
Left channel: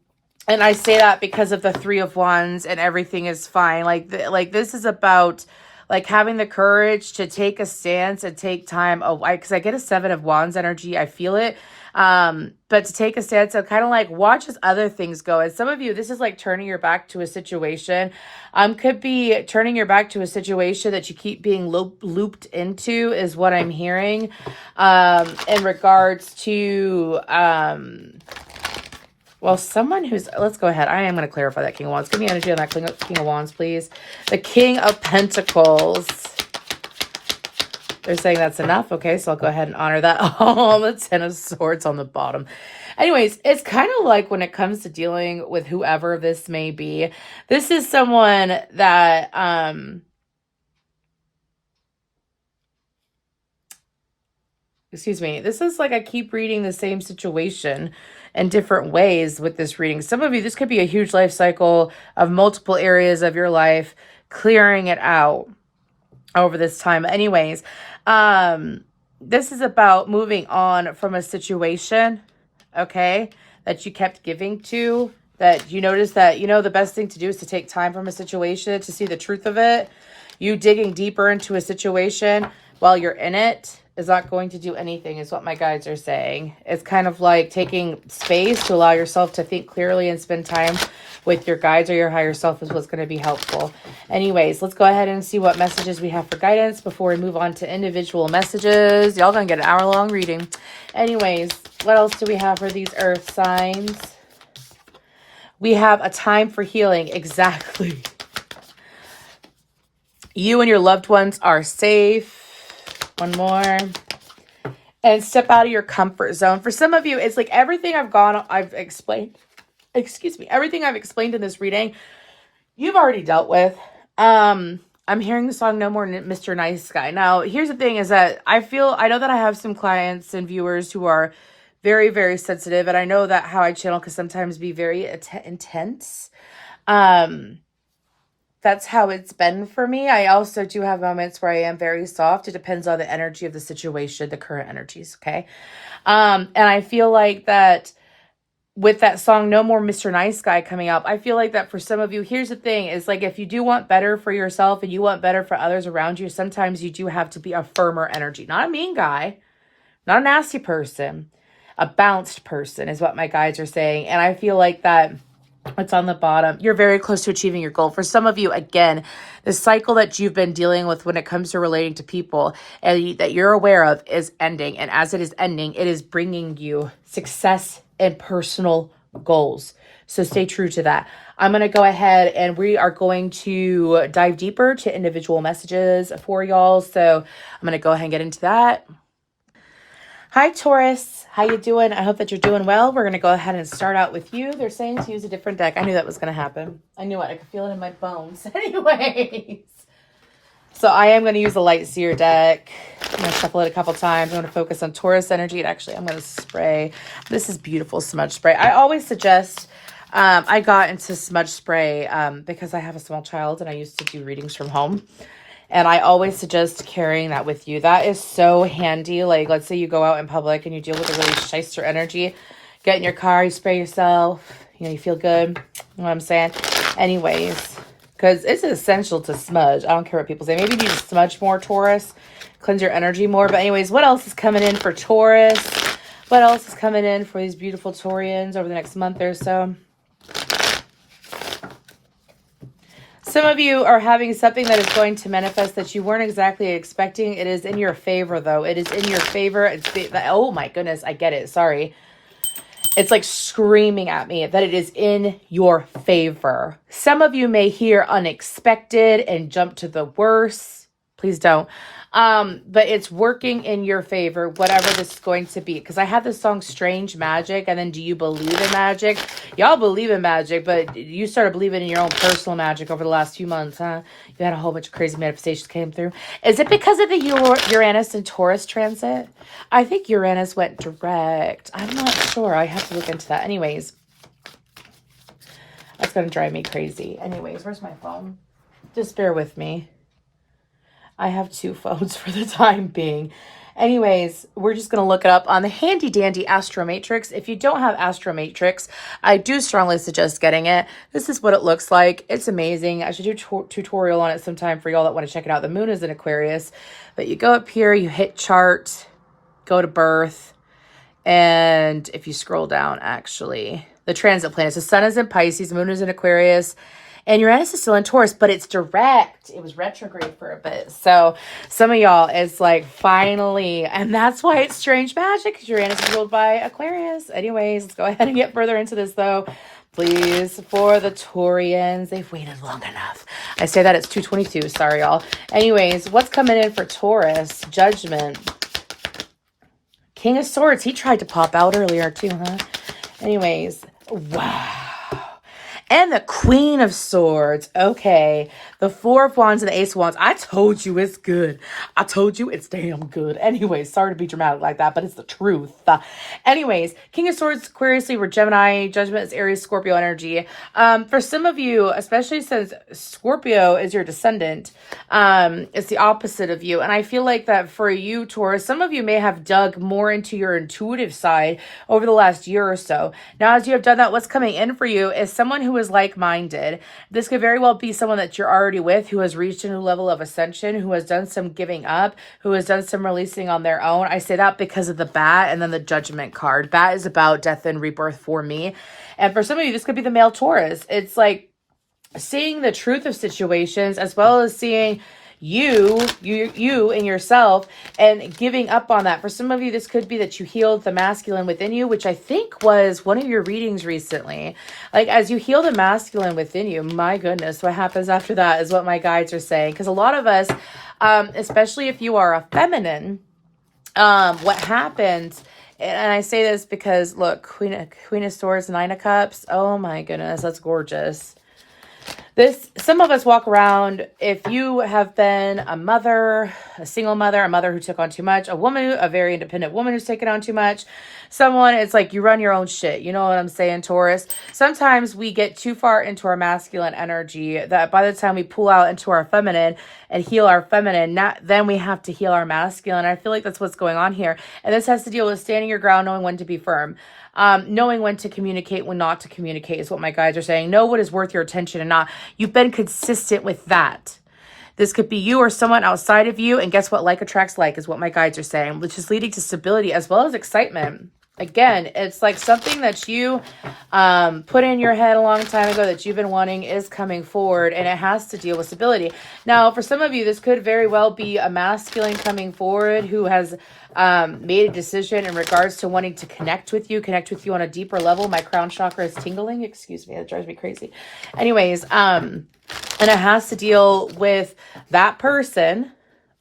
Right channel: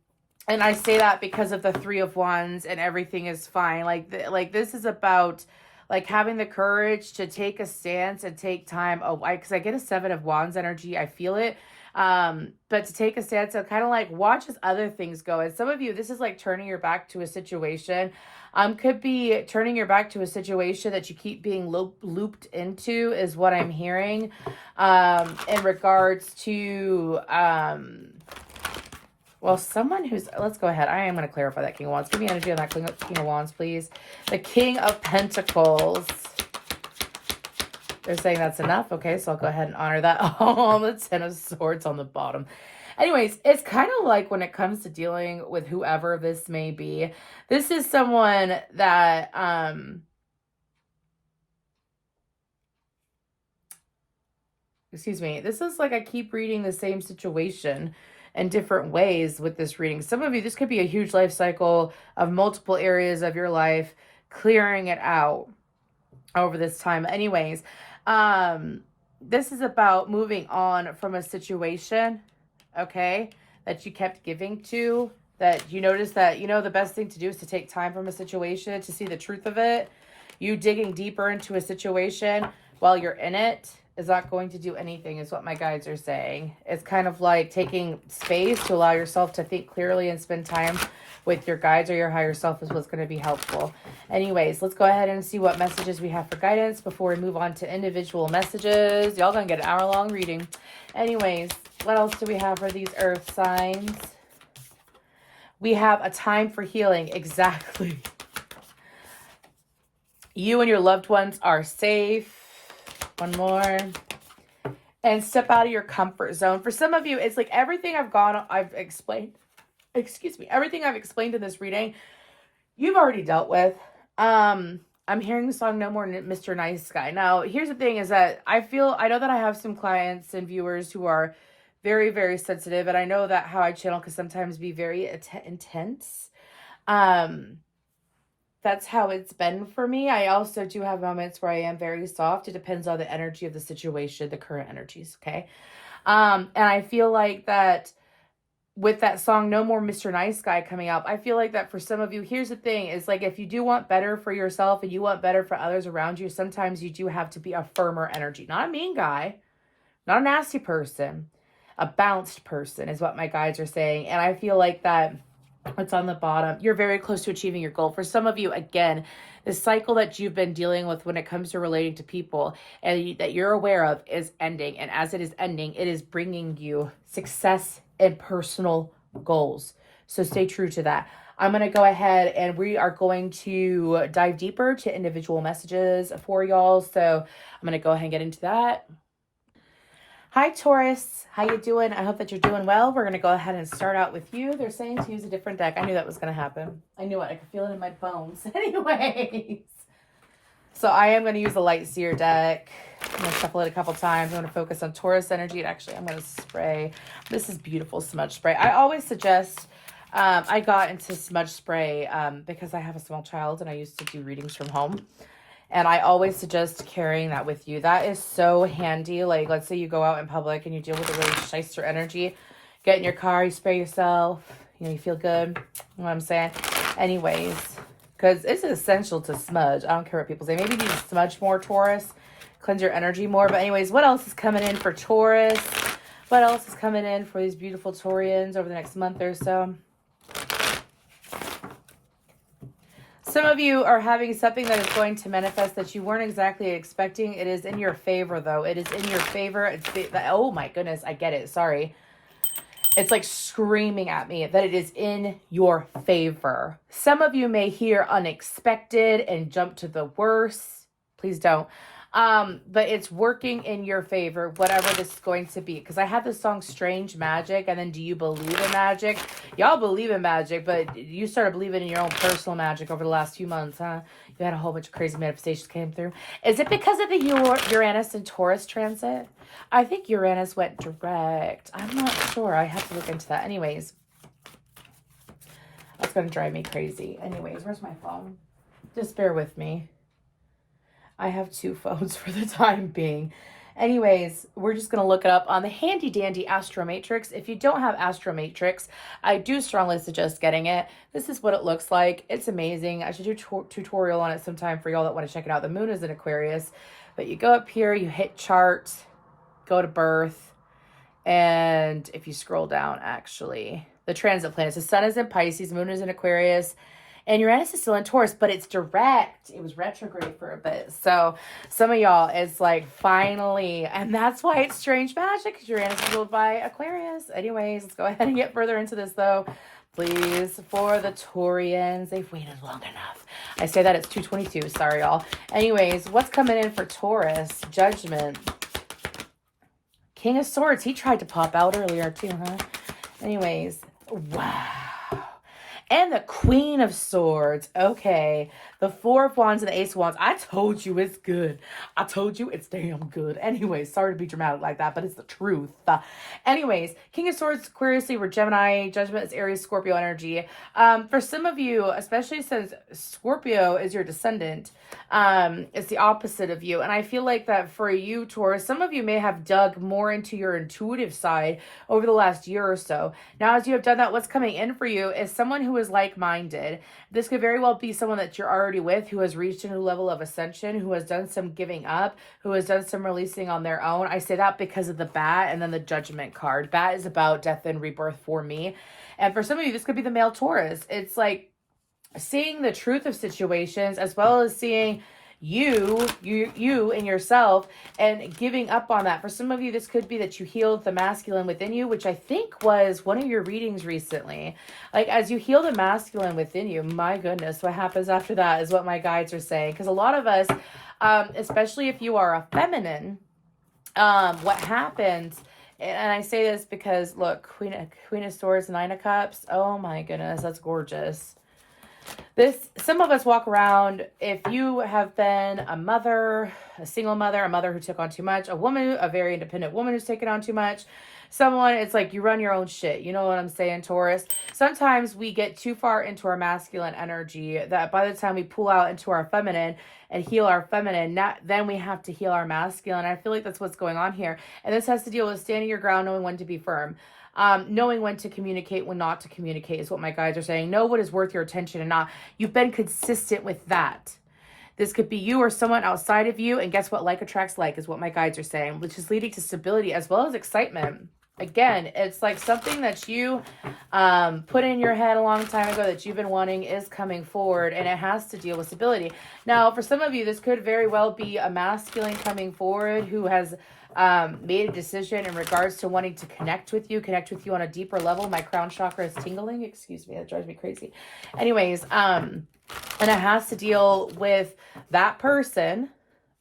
I say that because of the Three of Wands and everything is fine. Like this is about like having the courage to take a stance and take time away. Because I get a Seven of Wands energy. I feel it. But to take a stance and kind of like watch as other things go. And some of you, this is like turning your back to a situation. Could be turning your back to a situation that you keep being looped into is what I'm hearing. In regards to, well, someone who's, let's go ahead. I am going to clarify that King of Wands. Give me energy on that King of Wands, please. The King of Pentacles. They're saying that's enough. Okay, so I'll go ahead and honor that. Oh, the Ten of Swords on the bottom. Anyways, it's kind of like when it comes to dealing with whoever this may be. This is someone that, excuse me. This is like I keep reading the same situation in different ways with this reading. Some of you, this could be a huge life cycle of multiple areas of your life, clearing it out over this time. Anyways, this is about moving on from a situation, okay, that you kept giving to, that you notice that, you know, the best thing to do is to take time from a situation to see the truth of it. You digging deeper into a situation while you're in it is not going to do anything, is what my guides are saying. It's kind of like taking space to allow yourself to think clearly and spend time with your guides or your higher self is what's going to be helpful. Anyways, let's go ahead and see what messages we have for guidance before we move on to individual messages. Y'all gonna get an hour-long reading. Anyways, what else do we have for these earth signs? We have a time for healing. Exactly. You and your loved ones are safe. One more. And step out of your comfort zone. For some of you, it's like everything I've explained, excuse me, everything I've explained in this reading, you've already dealt with. I'm hearing the song No More Mr. Nice Guy. Now, here's the thing is that I know that I have some clients and viewers who are very, very sensitive. And I know that how I channel can sometimes be very intense. That's how it's been for me. I also do have moments where I am very soft. It depends on the energy of the situation, the current energies, okay? And I feel like that with that song, No More Mr. Nice Guy coming up, I feel like that for some of you, here's the thing, is like if you do want better for yourself and you want better for others around you, sometimes you do have to be a firmer energy. Not a mean guy, not a nasty person, a balanced person is what my guides are saying. And I feel like that what's on the bottom, you're very close to achieving your goal. For some of you, again, the cycle that you've been dealing with when it comes to relating to people and that you're aware of is ending. And as it is ending, it is bringing you success and personal goals. So stay true to that. I'm going to go ahead and we are going to dive deeper to individual messages for y'all. So I'm going to go ahead and get into that. Hi, Taurus. How you doing? I hope that you're doing well. We're going to go ahead and start out with you. They're saying to use a different deck. I knew that was going to happen. I knew it. I could feel it in my bones. Anyways. So I am going to use a Light Seer deck. I'm going to shuffle it a couple times. I'm going to focus on Taurus energy. And actually, I'm going to spray. This is beautiful smudge spray. I always suggest, I got into smudge spray because I have a small child and I used to do readings from home. And I always suggest carrying that with you. That is so handy. Like, let's say you go out in public and you deal with a really shyster energy. Get in your car, you spray yourself. You know, you feel good. You know what I'm saying? Anyways, because it's essential to smudge. I don't care what people say. Maybe you need to smudge more, Taurus. Cleanse your energy more. But anyways, what else is coming in for Taurus? What else is coming in for these beautiful Taurians over the next month or so? Some of you are having something that is going to manifest that you weren't exactly expecting. It is in your favor, though. It is in your favor. Oh my goodness, I get it. Sorry. It's like screaming at me that it is in your favor. Some of you may hear unexpected and jump to the worst. Please don't. But it's working in your favor, whatever this is going to be. Because I had this song Strange Magic, and then Do You Believe in Magic? Y'all believe in magic, but you started believing in your own personal magic over the last few months, huh? You had a whole bunch of crazy manifestations came through. Is it because of the Uranus and Taurus transit? I think Uranus went direct. I'm not sure. I have to look into that. Anyways, that's going to drive me crazy. Anyways, where's my phone? Just bear with me. I have two phones for the time being. Anyways, we're just going to look it up on the handy dandy Astro Matrix. If you don't have Astro Matrix, I do strongly suggest getting it. This is what it looks like. It's amazing. I should do a tutorial on it sometime for y'all that want to check it out. The moon is in Aquarius, but you go up here, you hit chart, go to birth, and if you scroll down, actually, the transit planets. The sun is in Pisces, the moon is in Aquarius, and Uranus is still in Taurus, but it's direct. It was retrograde for a bit. So some of y'all, it's like finally, and that's why it's strange magic, because Uranus is ruled by Aquarius. Anyways, let's go ahead and get further into this though. Please, for the Taurians, they've waited long enough. I say that it's 2:22. Sorry, y'all. Anyways, what's coming in for Taurus? Judgment. King of Swords. He tried to pop out earlier too, huh? Anyways, wow. And the Queen of Swords. Okay. The Four of Wands and the Ace of Wands. I told you it's good. I told you it's damn good. Anyways, sorry to be dramatic like that, but it's the truth. Anyways, King of Swords, Aquarius, Libra, Gemini. Judgment is Aries, Scorpio energy. For some of you, especially since Scorpio is your descendant, it's the opposite of you. And I feel like that for you, Taurus, some of you may have dug more into your intuitive side over the last year or so. Now, as you have done that, what's coming in for you is someone who is like-minded. This could very well be someone that you're already with, who has reached a new level of ascension, who has done some giving up, who has done some releasing on their own. I say that because of the bat and then the Judgment card. Bat is about death and rebirth for me. And for some of you, this could be the male Taurus. It's like seeing the truth of situations as well as seeing you in yourself and giving up on that. For some of you, this could be that you healed the masculine within you, which I think was one of your readings recently. Like as you heal the masculine within you, my goodness, what happens after that is what my guides are saying. Because a lot of us, especially if you are a feminine, what happens, and I say this because look, Queen of Swords, Nine of Cups. Oh my goodness, that's gorgeous. Some of us walk around, if you have been a mother, a single mother, a mother who took on too much, a woman, a very independent woman who's taken on too much, someone, it's like you run your own shit. You know what I'm saying, Taurus? Sometimes we get too far into our masculine energy that by the time we pull out into our feminine and heal our feminine, then we have to heal our masculine. I feel like that's what's going on here. And this has to deal with standing your ground, knowing when to be firm. Knowing when to communicate, when not to communicate is what my guides are saying. Know what is worth your attention and not. You've been consistent with that. This could be you or someone outside of you. And guess what? Like attracts like is what my guides are saying, which is leading to stability as well as excitement. Again, it's like something that you put in your head a long time ago that you've been wanting is coming forward, and it has to deal with stability. Now, for some of you, this could very well be a masculine coming forward who has made a decision in regards to wanting to connect with you on a deeper level. My crown chakra is tingling. Excuse me, that drives me crazy. Anyways, and it has to deal with that person,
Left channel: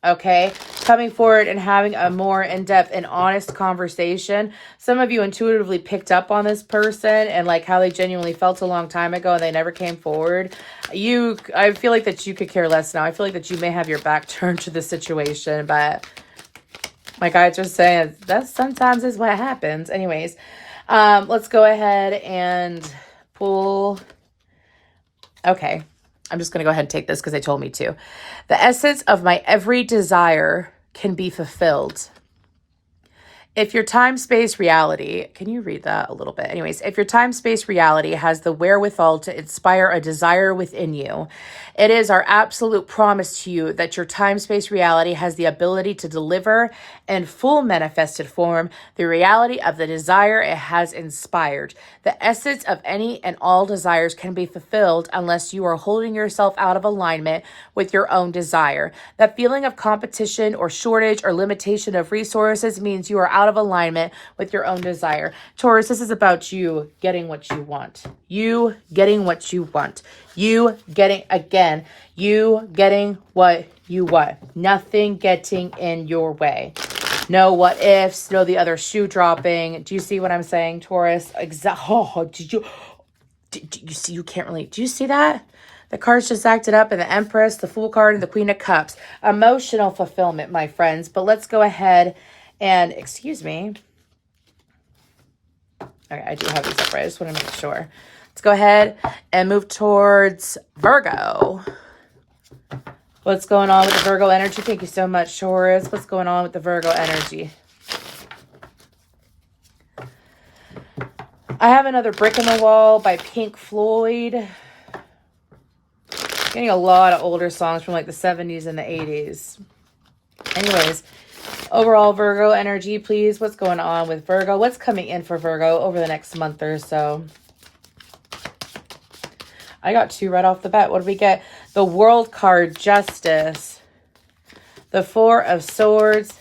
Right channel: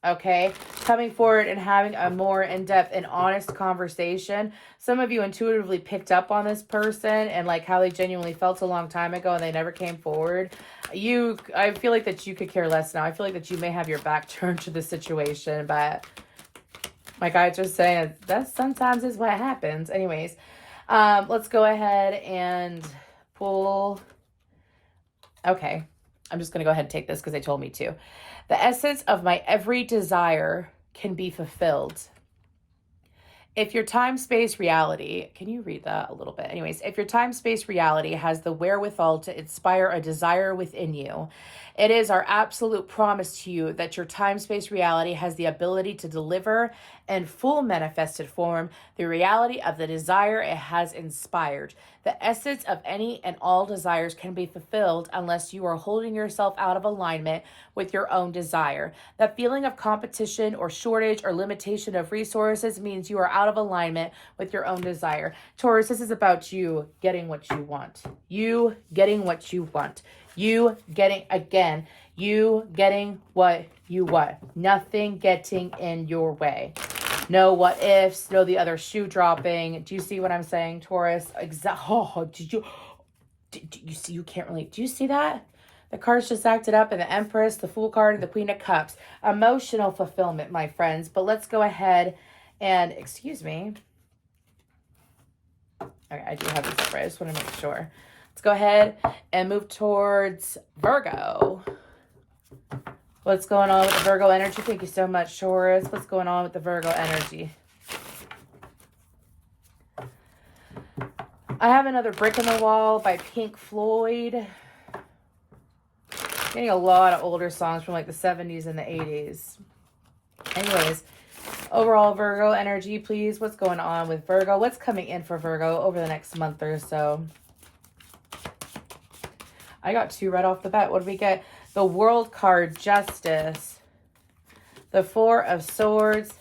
okay, coming forward and having a more in-depth and honest conversation. Some of you intuitively picked up on this person and like how they genuinely felt a long time ago and they never came forward. I feel like that you could care less now. I feel like that you may have your back turned to the situation, but my guides are saying that sometimes is what happens. Anyways, let's go ahead and pull. Okay. I'm just going to go ahead and take this because they told me to. The essence of my every desire can be fulfilled. If your time-space reality, can you read that a little bit? Anyways, if your time-space reality has the wherewithal to inspire a desire within you, it is our absolute promise to you that your time-space reality has the ability to deliver in full manifested form the reality of the desire it has inspired. The essence of any and all desires can be fulfilled unless you are holding yourself out of alignment with your own desire. That feeling of competition or shortage or limitation of resources means you are out of alignment with your own desire. Taurus, this is about you getting what you want. You getting what you want. You getting, again, you getting what you want. Nothing getting in your way. No what ifs, no the other shoe dropping. Do you see what I'm saying, Taurus? Oh, did you see, you can't relate. Do you see that? The cards just acted up, and the Empress, the Fool card, and the Queen of Cups. Emotional fulfillment, my friends. But let's go ahead and, excuse me. Okay, I do have these up right. I just want to make sure. Let's go ahead and move towards Virgo. What's going on with the Virgo energy? Thank you so much, Taurus. What's going on with the Virgo energy? I have another Brick in the Wall by Pink Floyd. Getting a lot of older songs from like the 70s and the 80s. Anyways, overall Virgo energy, please. What's going on with Virgo? What's coming in for Virgo over the next month or so? I got two right off the bat. What do we get? The World card, Justice. The Four of Swords.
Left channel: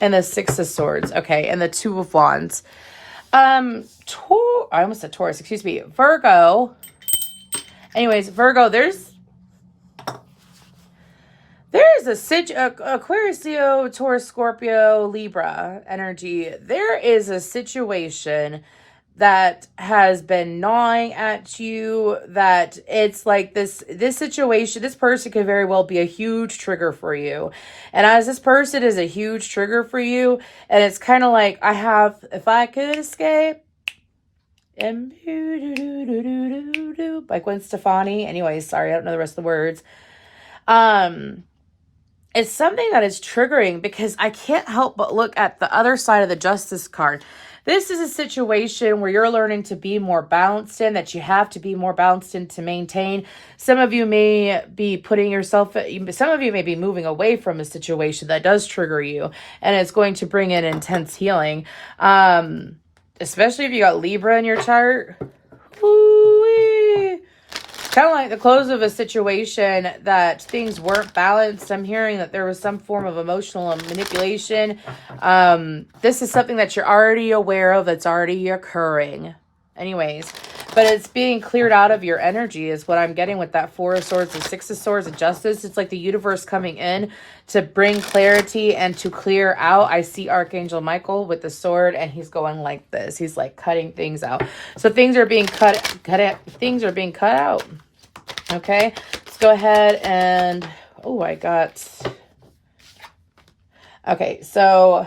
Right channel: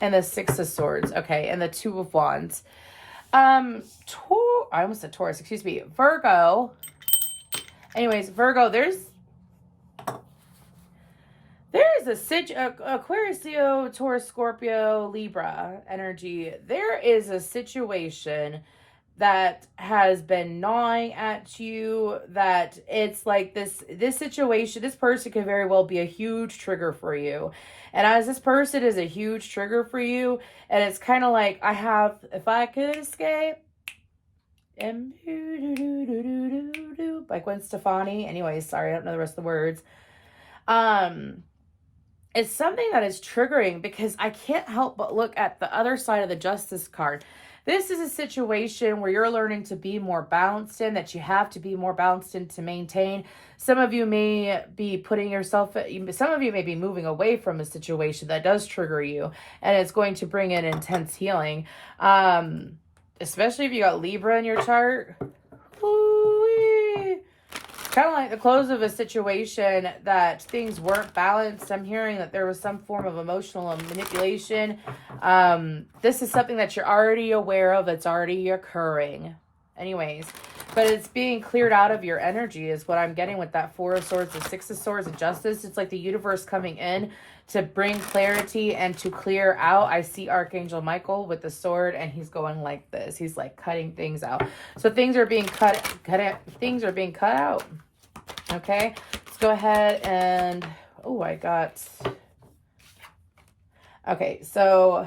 And the Six of Swords. Okay, and the Two of Wands. I almost said Taurus, excuse me. Virgo. Anyways, Virgo, there's a Aquarius, Leo, Taurus, Scorpio, Libra energy. There is a situation that has been gnawing at you, that it's like this situation, this person could very well be a huge trigger for you. And as this person is a huge trigger for you, and it's kind of like, if I could escape, and by Gwen Stefani. Anyways, sorry, I don't know the rest of the words. It's something that is triggering because I can't help but look at the other side of the Justice card. This is a situation where you're learning to be more balanced in, that you have to be more balanced in to maintain. Some of you may be some of you may be moving away from a situation that does trigger you, and it's going to bring in intense healing. Especially if you got Libra in your chart. Woo-wee. Kind of like the close of a situation that things weren't balanced. I'm hearing that there was some form of emotional manipulation. This is something that you're already aware of. It's already occurring. Anyways, but it's being cleared out of your energy is what I'm getting with that Four of Swords, the Six of Swords, and Justice. It's like the universe coming in to bring clarity and to clear out. I see Archangel Michael with the sword, and he's going like this. He's like cutting things out. So things are being things are being cut out. Okay, let's go ahead and, okay, so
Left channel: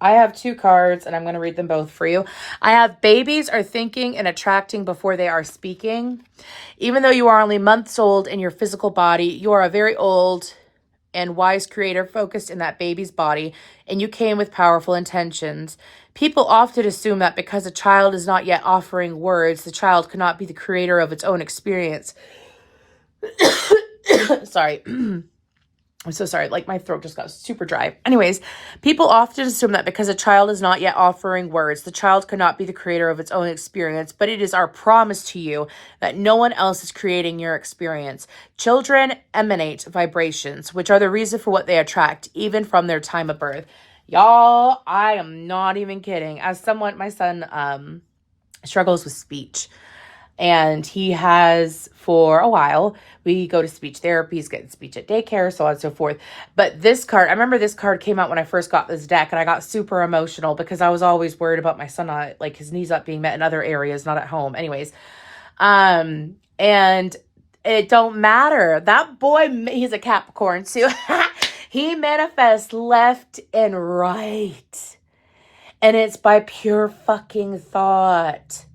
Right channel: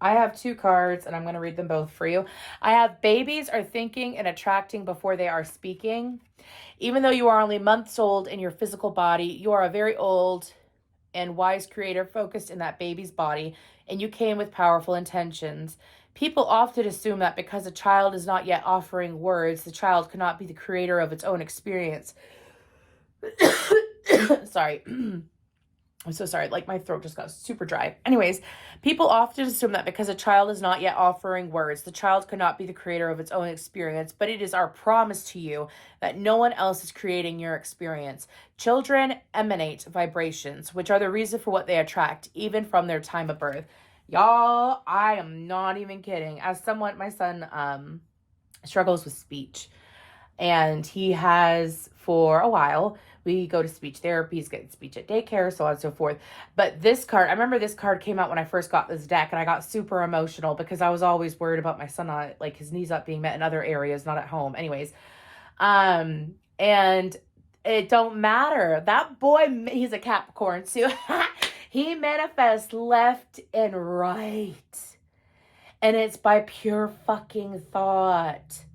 I have two cards, and I'm going to read them both for you. I have babies are thinking and attracting before they are speaking. Even though you are only months old in your physical body, you are a very old and wise creator focused in that baby's body, and you came with powerful intentions. People often assume that because a child is not yet offering words, the child cannot be the creator of its own experience. Sorry. I'm so sorry, like my throat just got super dry. Anyways, people often assume that because a child is not yet offering words, the child cannot be the creator of its own experience, but it is our promise to you that no one else is creating your experience. Children emanate vibrations, which are the reason for what they attract, even from their time of birth. Y'all, I am not even kidding. As someone, my son struggles with speech. And he has for a while. We go to speech therapy. He's getting speech at daycare, so on and so forth. But this card, I remember this card came out when I first got this deck, and I got super emotional because I was always worried about my son not, like, his needs not being met in other areas, not at home. Anyways, and it don't matter. That boy, he's a Capricorn too. He manifests left and right. And it's by pure fucking thought.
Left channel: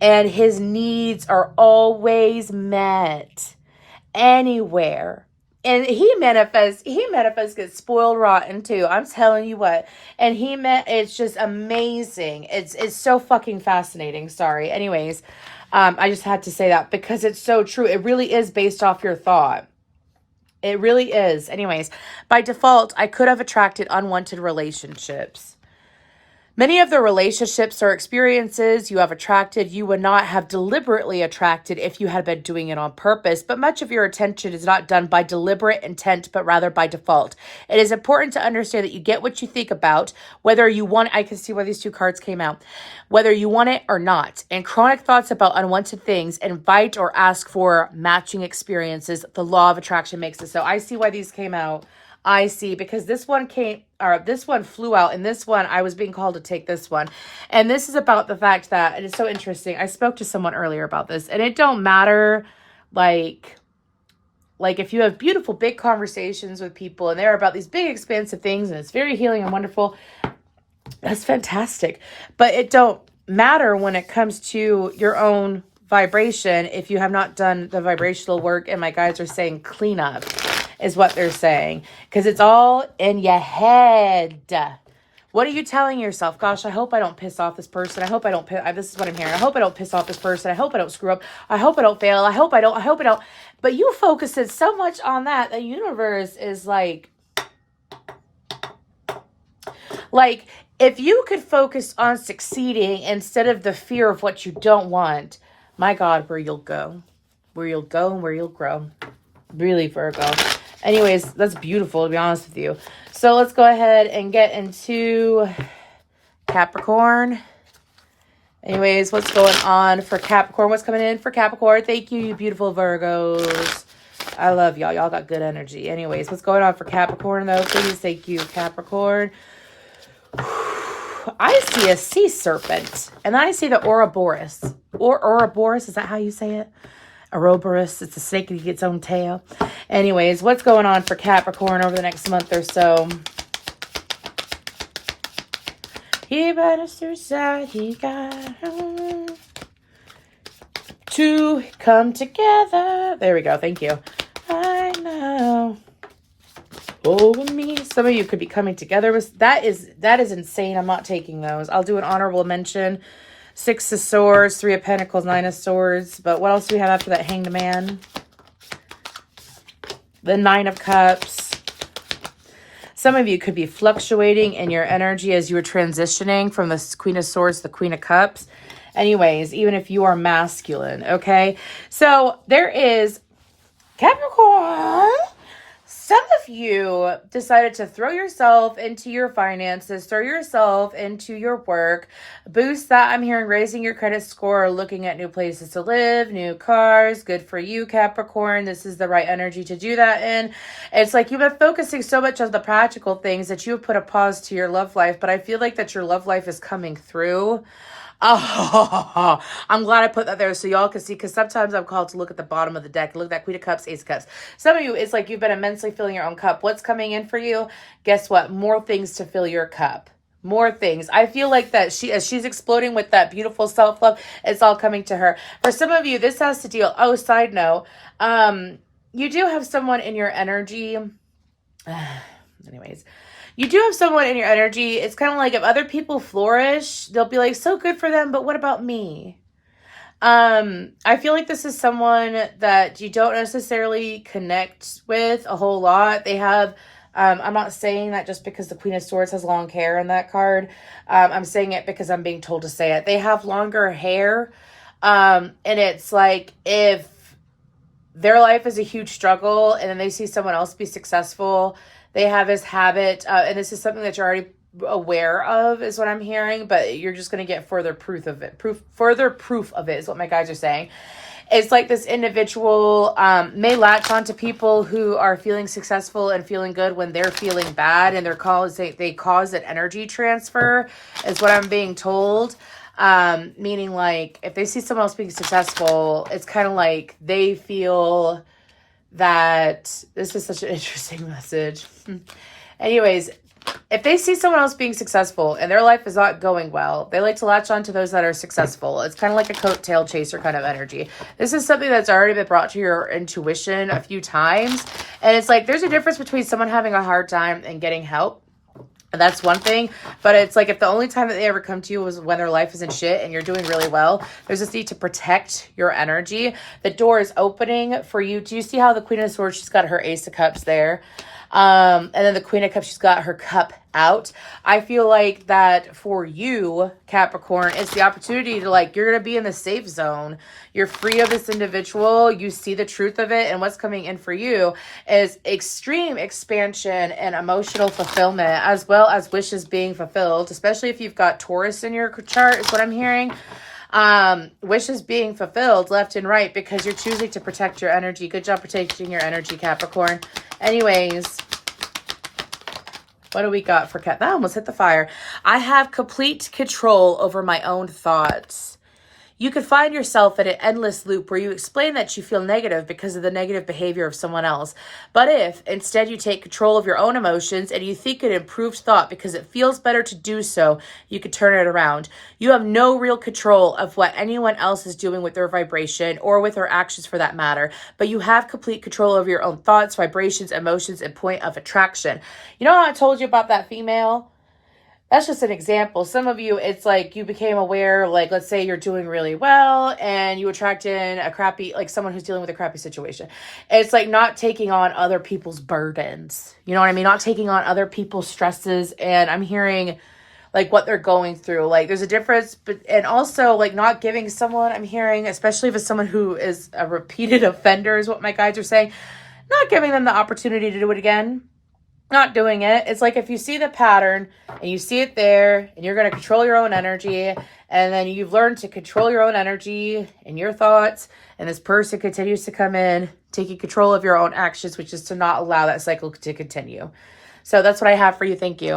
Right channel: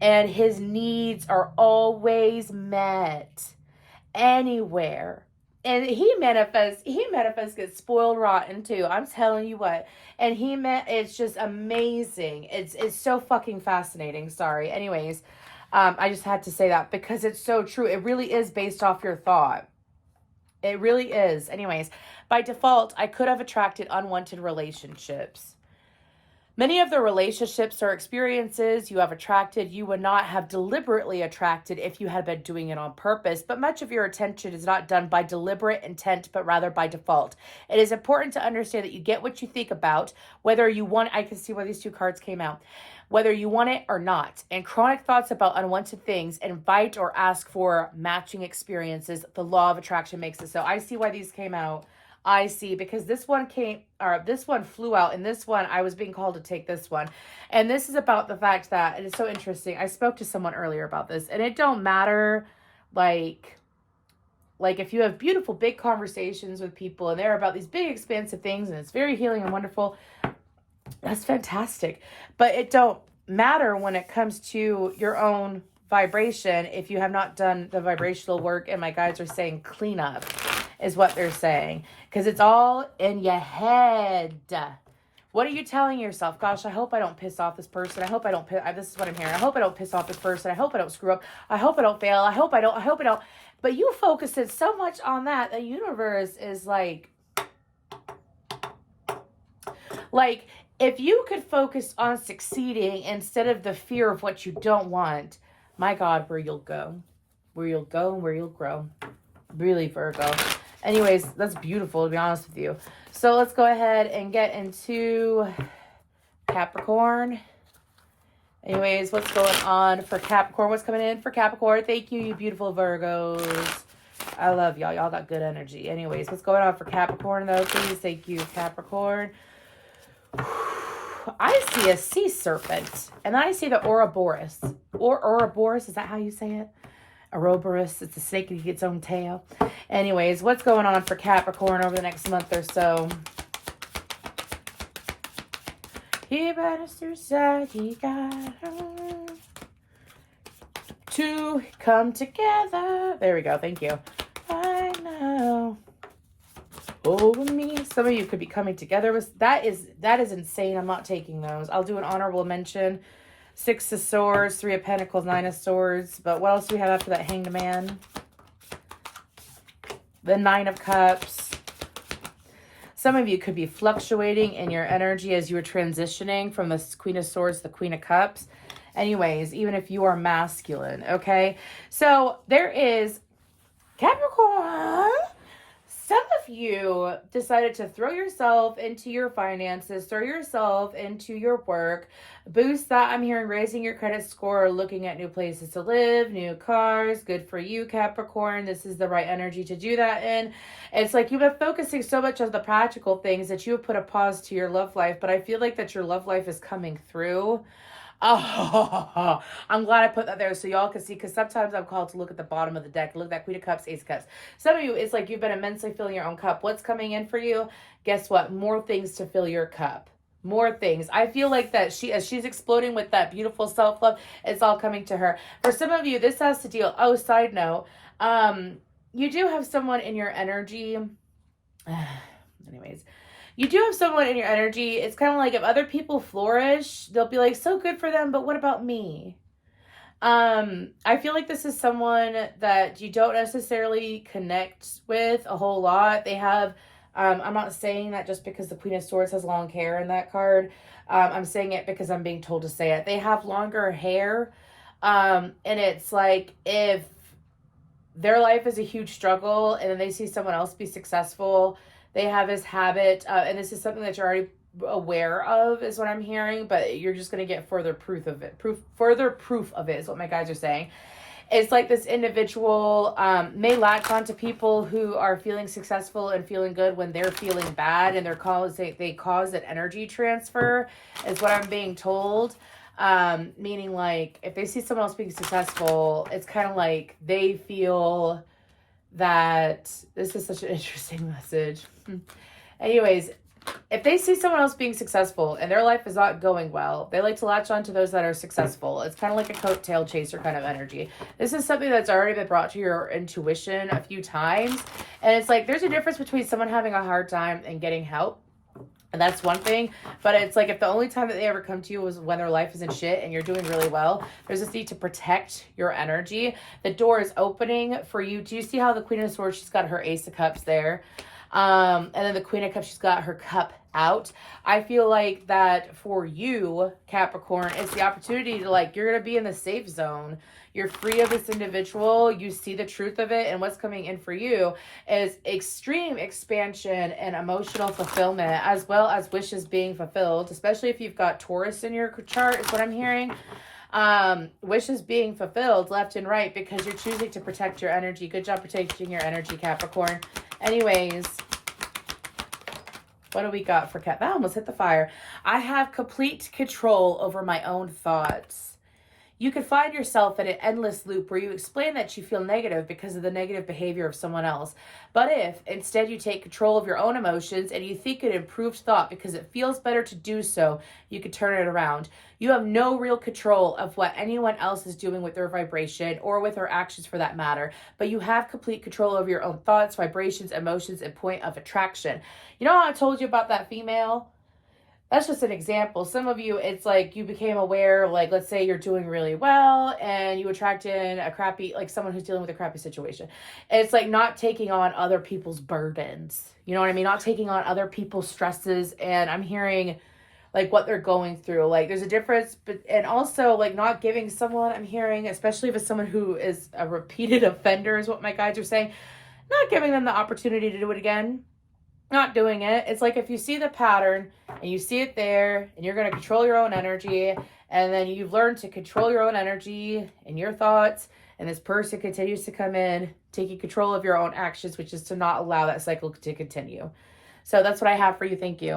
And his needs are always met. Anywhere, And he manifests gets spoiled rotten too. I'm telling you what. And it's just amazing. It's so fucking fascinating. Sorry. Anyways, I just had to say that because it's so true. It really is based off your thought. It really is. Anyways, by default, I could have attracted unwanted relationships. Many of the relationships or experiences you have attracted, you would not have deliberately attracted if you had been doing it on purpose, but much of your attention is not done by deliberate intent, but rather by default. It is important to understand that you get what you think about, whether you want, I can see why these two cards came out, whether you want it or not. And chronic thoughts about unwanted things invite or ask for matching experiences. The law of attraction makes it so. I see why these came out. I see, because this one flew out, and this one, I was being called to take this one. And this is about the fact that, and it's so interesting, I spoke to someone earlier about this, and it don't matter, like if you have beautiful, big conversations with people, and they're about these big, expansive things, and it's very healing and wonderful, that's fantastic. But it don't matter when it comes to your own vibration if you have not done the vibrational work, and my guides are saying clean up. Is what they're saying, because it's all in your head. What are you telling yourself? Gosh, I hope I don't piss off this person. I hope I don't this is what I'm hearing. I hope I don't piss off this person. I hope I don't screw up. I hope I don't fail. I hope I don't. But you focus it so much on that. The universe is like if you could focus on succeeding instead of the fear of what you don't want, my God, where you'll go and where you'll grow. Really, Virgo. Anyways, that's beautiful, to be honest with you. So let's go ahead and get into Capricorn. Anyways, what's going on for Capricorn? What's coming in for Capricorn? Thank you, you beautiful Virgos. I love y'all. Y'all got good energy. Anyways, what's going on for Capricorn, though? Please, thank you, Capricorn. I see a sea serpent, and I see the Ouroboros. Ouroboros, is that how you say it? Ouroboros, it's a snake that gets its own tail. Anyways, what's going on for Capricorn over the next month or so? He better suicide, he got to come together. There we go, thank you. I know. Over me. Some of you could be coming together with that is insane. I'm not taking those. I'll do an honorable mention. 6 of Swords, 3 of Pentacles, 9 of Swords. But what else do we have after that? Hanged Man. The 9 of Cups. Some of you could be fluctuating in your energy as you are transitioning from the Queen of Swords to the Queen of Cups. Anyways, even if you are masculine, okay? So there is Capricorn. Some of you decided to throw yourself into your finances, throw yourself into your work, boost that. I'm hearing raising your credit score, looking at new places to live, new cars. Good for you, Capricorn. This is the right energy to do that in. It's like you've been focusing so much on the practical things that you have put a pause to your love life, but I feel like that your love life is coming through. Oh, I'm glad I put that there so y'all can see, because sometimes I'm called to look at the bottom of the deck. Look at that Queen of Cups, Ace of Cups. Some of you, it's like you've been immensely filling your own cup. What's coming in for you? Guess what? More things to fill your cup. More things. I feel like that as she's exploding with that beautiful self-love, it's all coming to her. For some of you, this has to deal. Oh, side note, you do have someone in your energy. Anyways. You do have someone in your energy. It's kind of like if other people flourish, they'll be like, so good for them, but what about me? I feel like this is someone that you don't necessarily connect with a whole lot. They have, I'm not saying that just because the Queen of Swords has long hair in that card. I'm saying it because I'm being told to say it. They have longer hair. And it's like if their life is a huge struggle and then they see someone else be successful, they have this habit, and this is something that you're already aware of, is what I'm hearing, but you're just going to get further proof of it. Further proof of it is what my guides are saying. It's like this individual may latch on to people who are feeling successful and feeling good when they're feeling bad, and they cause an energy transfer, is what I'm being told. Meaning like if they see someone else being successful, it's kind of like they feel that this is such an interesting message. Anyways, if they see someone else being successful and their life is not going well, they like to latch on to those that are successful. It's kind of like a coattail chaser kind of energy. This is something that's already been brought to your intuition a few times. And it's like, there's a difference between someone having a hard time and getting help. And that's one thing, but it's like if the only time that they ever come to you was when their life is in shit and you're doing really well, there's this need to protect your energy. The door is opening for you. Do you see how the Queen of Swords, she's got her Ace of Cups there? And then the Queen of Cups, she's got her cup out. I feel like that for you, Capricorn, it's the opportunity to like, you're going to be in the safe zone. You're free of this individual. You see the truth of it. And what's coming in for you is extreme expansion and emotional fulfillment, as well as wishes being fulfilled, especially if you've got Taurus in your chart, is what I'm hearing. Wishes being fulfilled left and right because you're choosing to protect your energy. Good job protecting your energy, Capricorn. Anyways, what do we got for Cap? That almost hit the fire. I have complete control over my own thoughts. You could find yourself in an endless loop where you explain that you feel negative because of the negative behavior of someone else. But if instead you take control of your own emotions and you think an improved thought because it feels better to do so, you could turn it around. You have no real control of what anyone else is doing with their vibration or with their actions for that matter, but you have complete control over your own thoughts, vibrations, emotions, and point of attraction. You know how I told you about that female? That's just an example. Some of you, it's like you became aware, like let's say you're doing really well and you attract in a crappy, like someone who's dealing with a crappy situation. It's like not taking on other people's burdens. You know what I mean? Not taking on other people's stresses. And I'm hearing like what they're going through. Like there's a difference, but and also like not giving someone, I'm hearing, especially if it's someone who is a repeated offender is what my guides are saying, not giving them the opportunity to do it again. Not doing it. It's like if you see the pattern and you see it there and you're going to control your own energy and then you've learned to control your own energy and your thoughts and this person continues to come in, taking control of your own actions, which is to not allow that cycle to continue. So that's what I have for you. Thank you.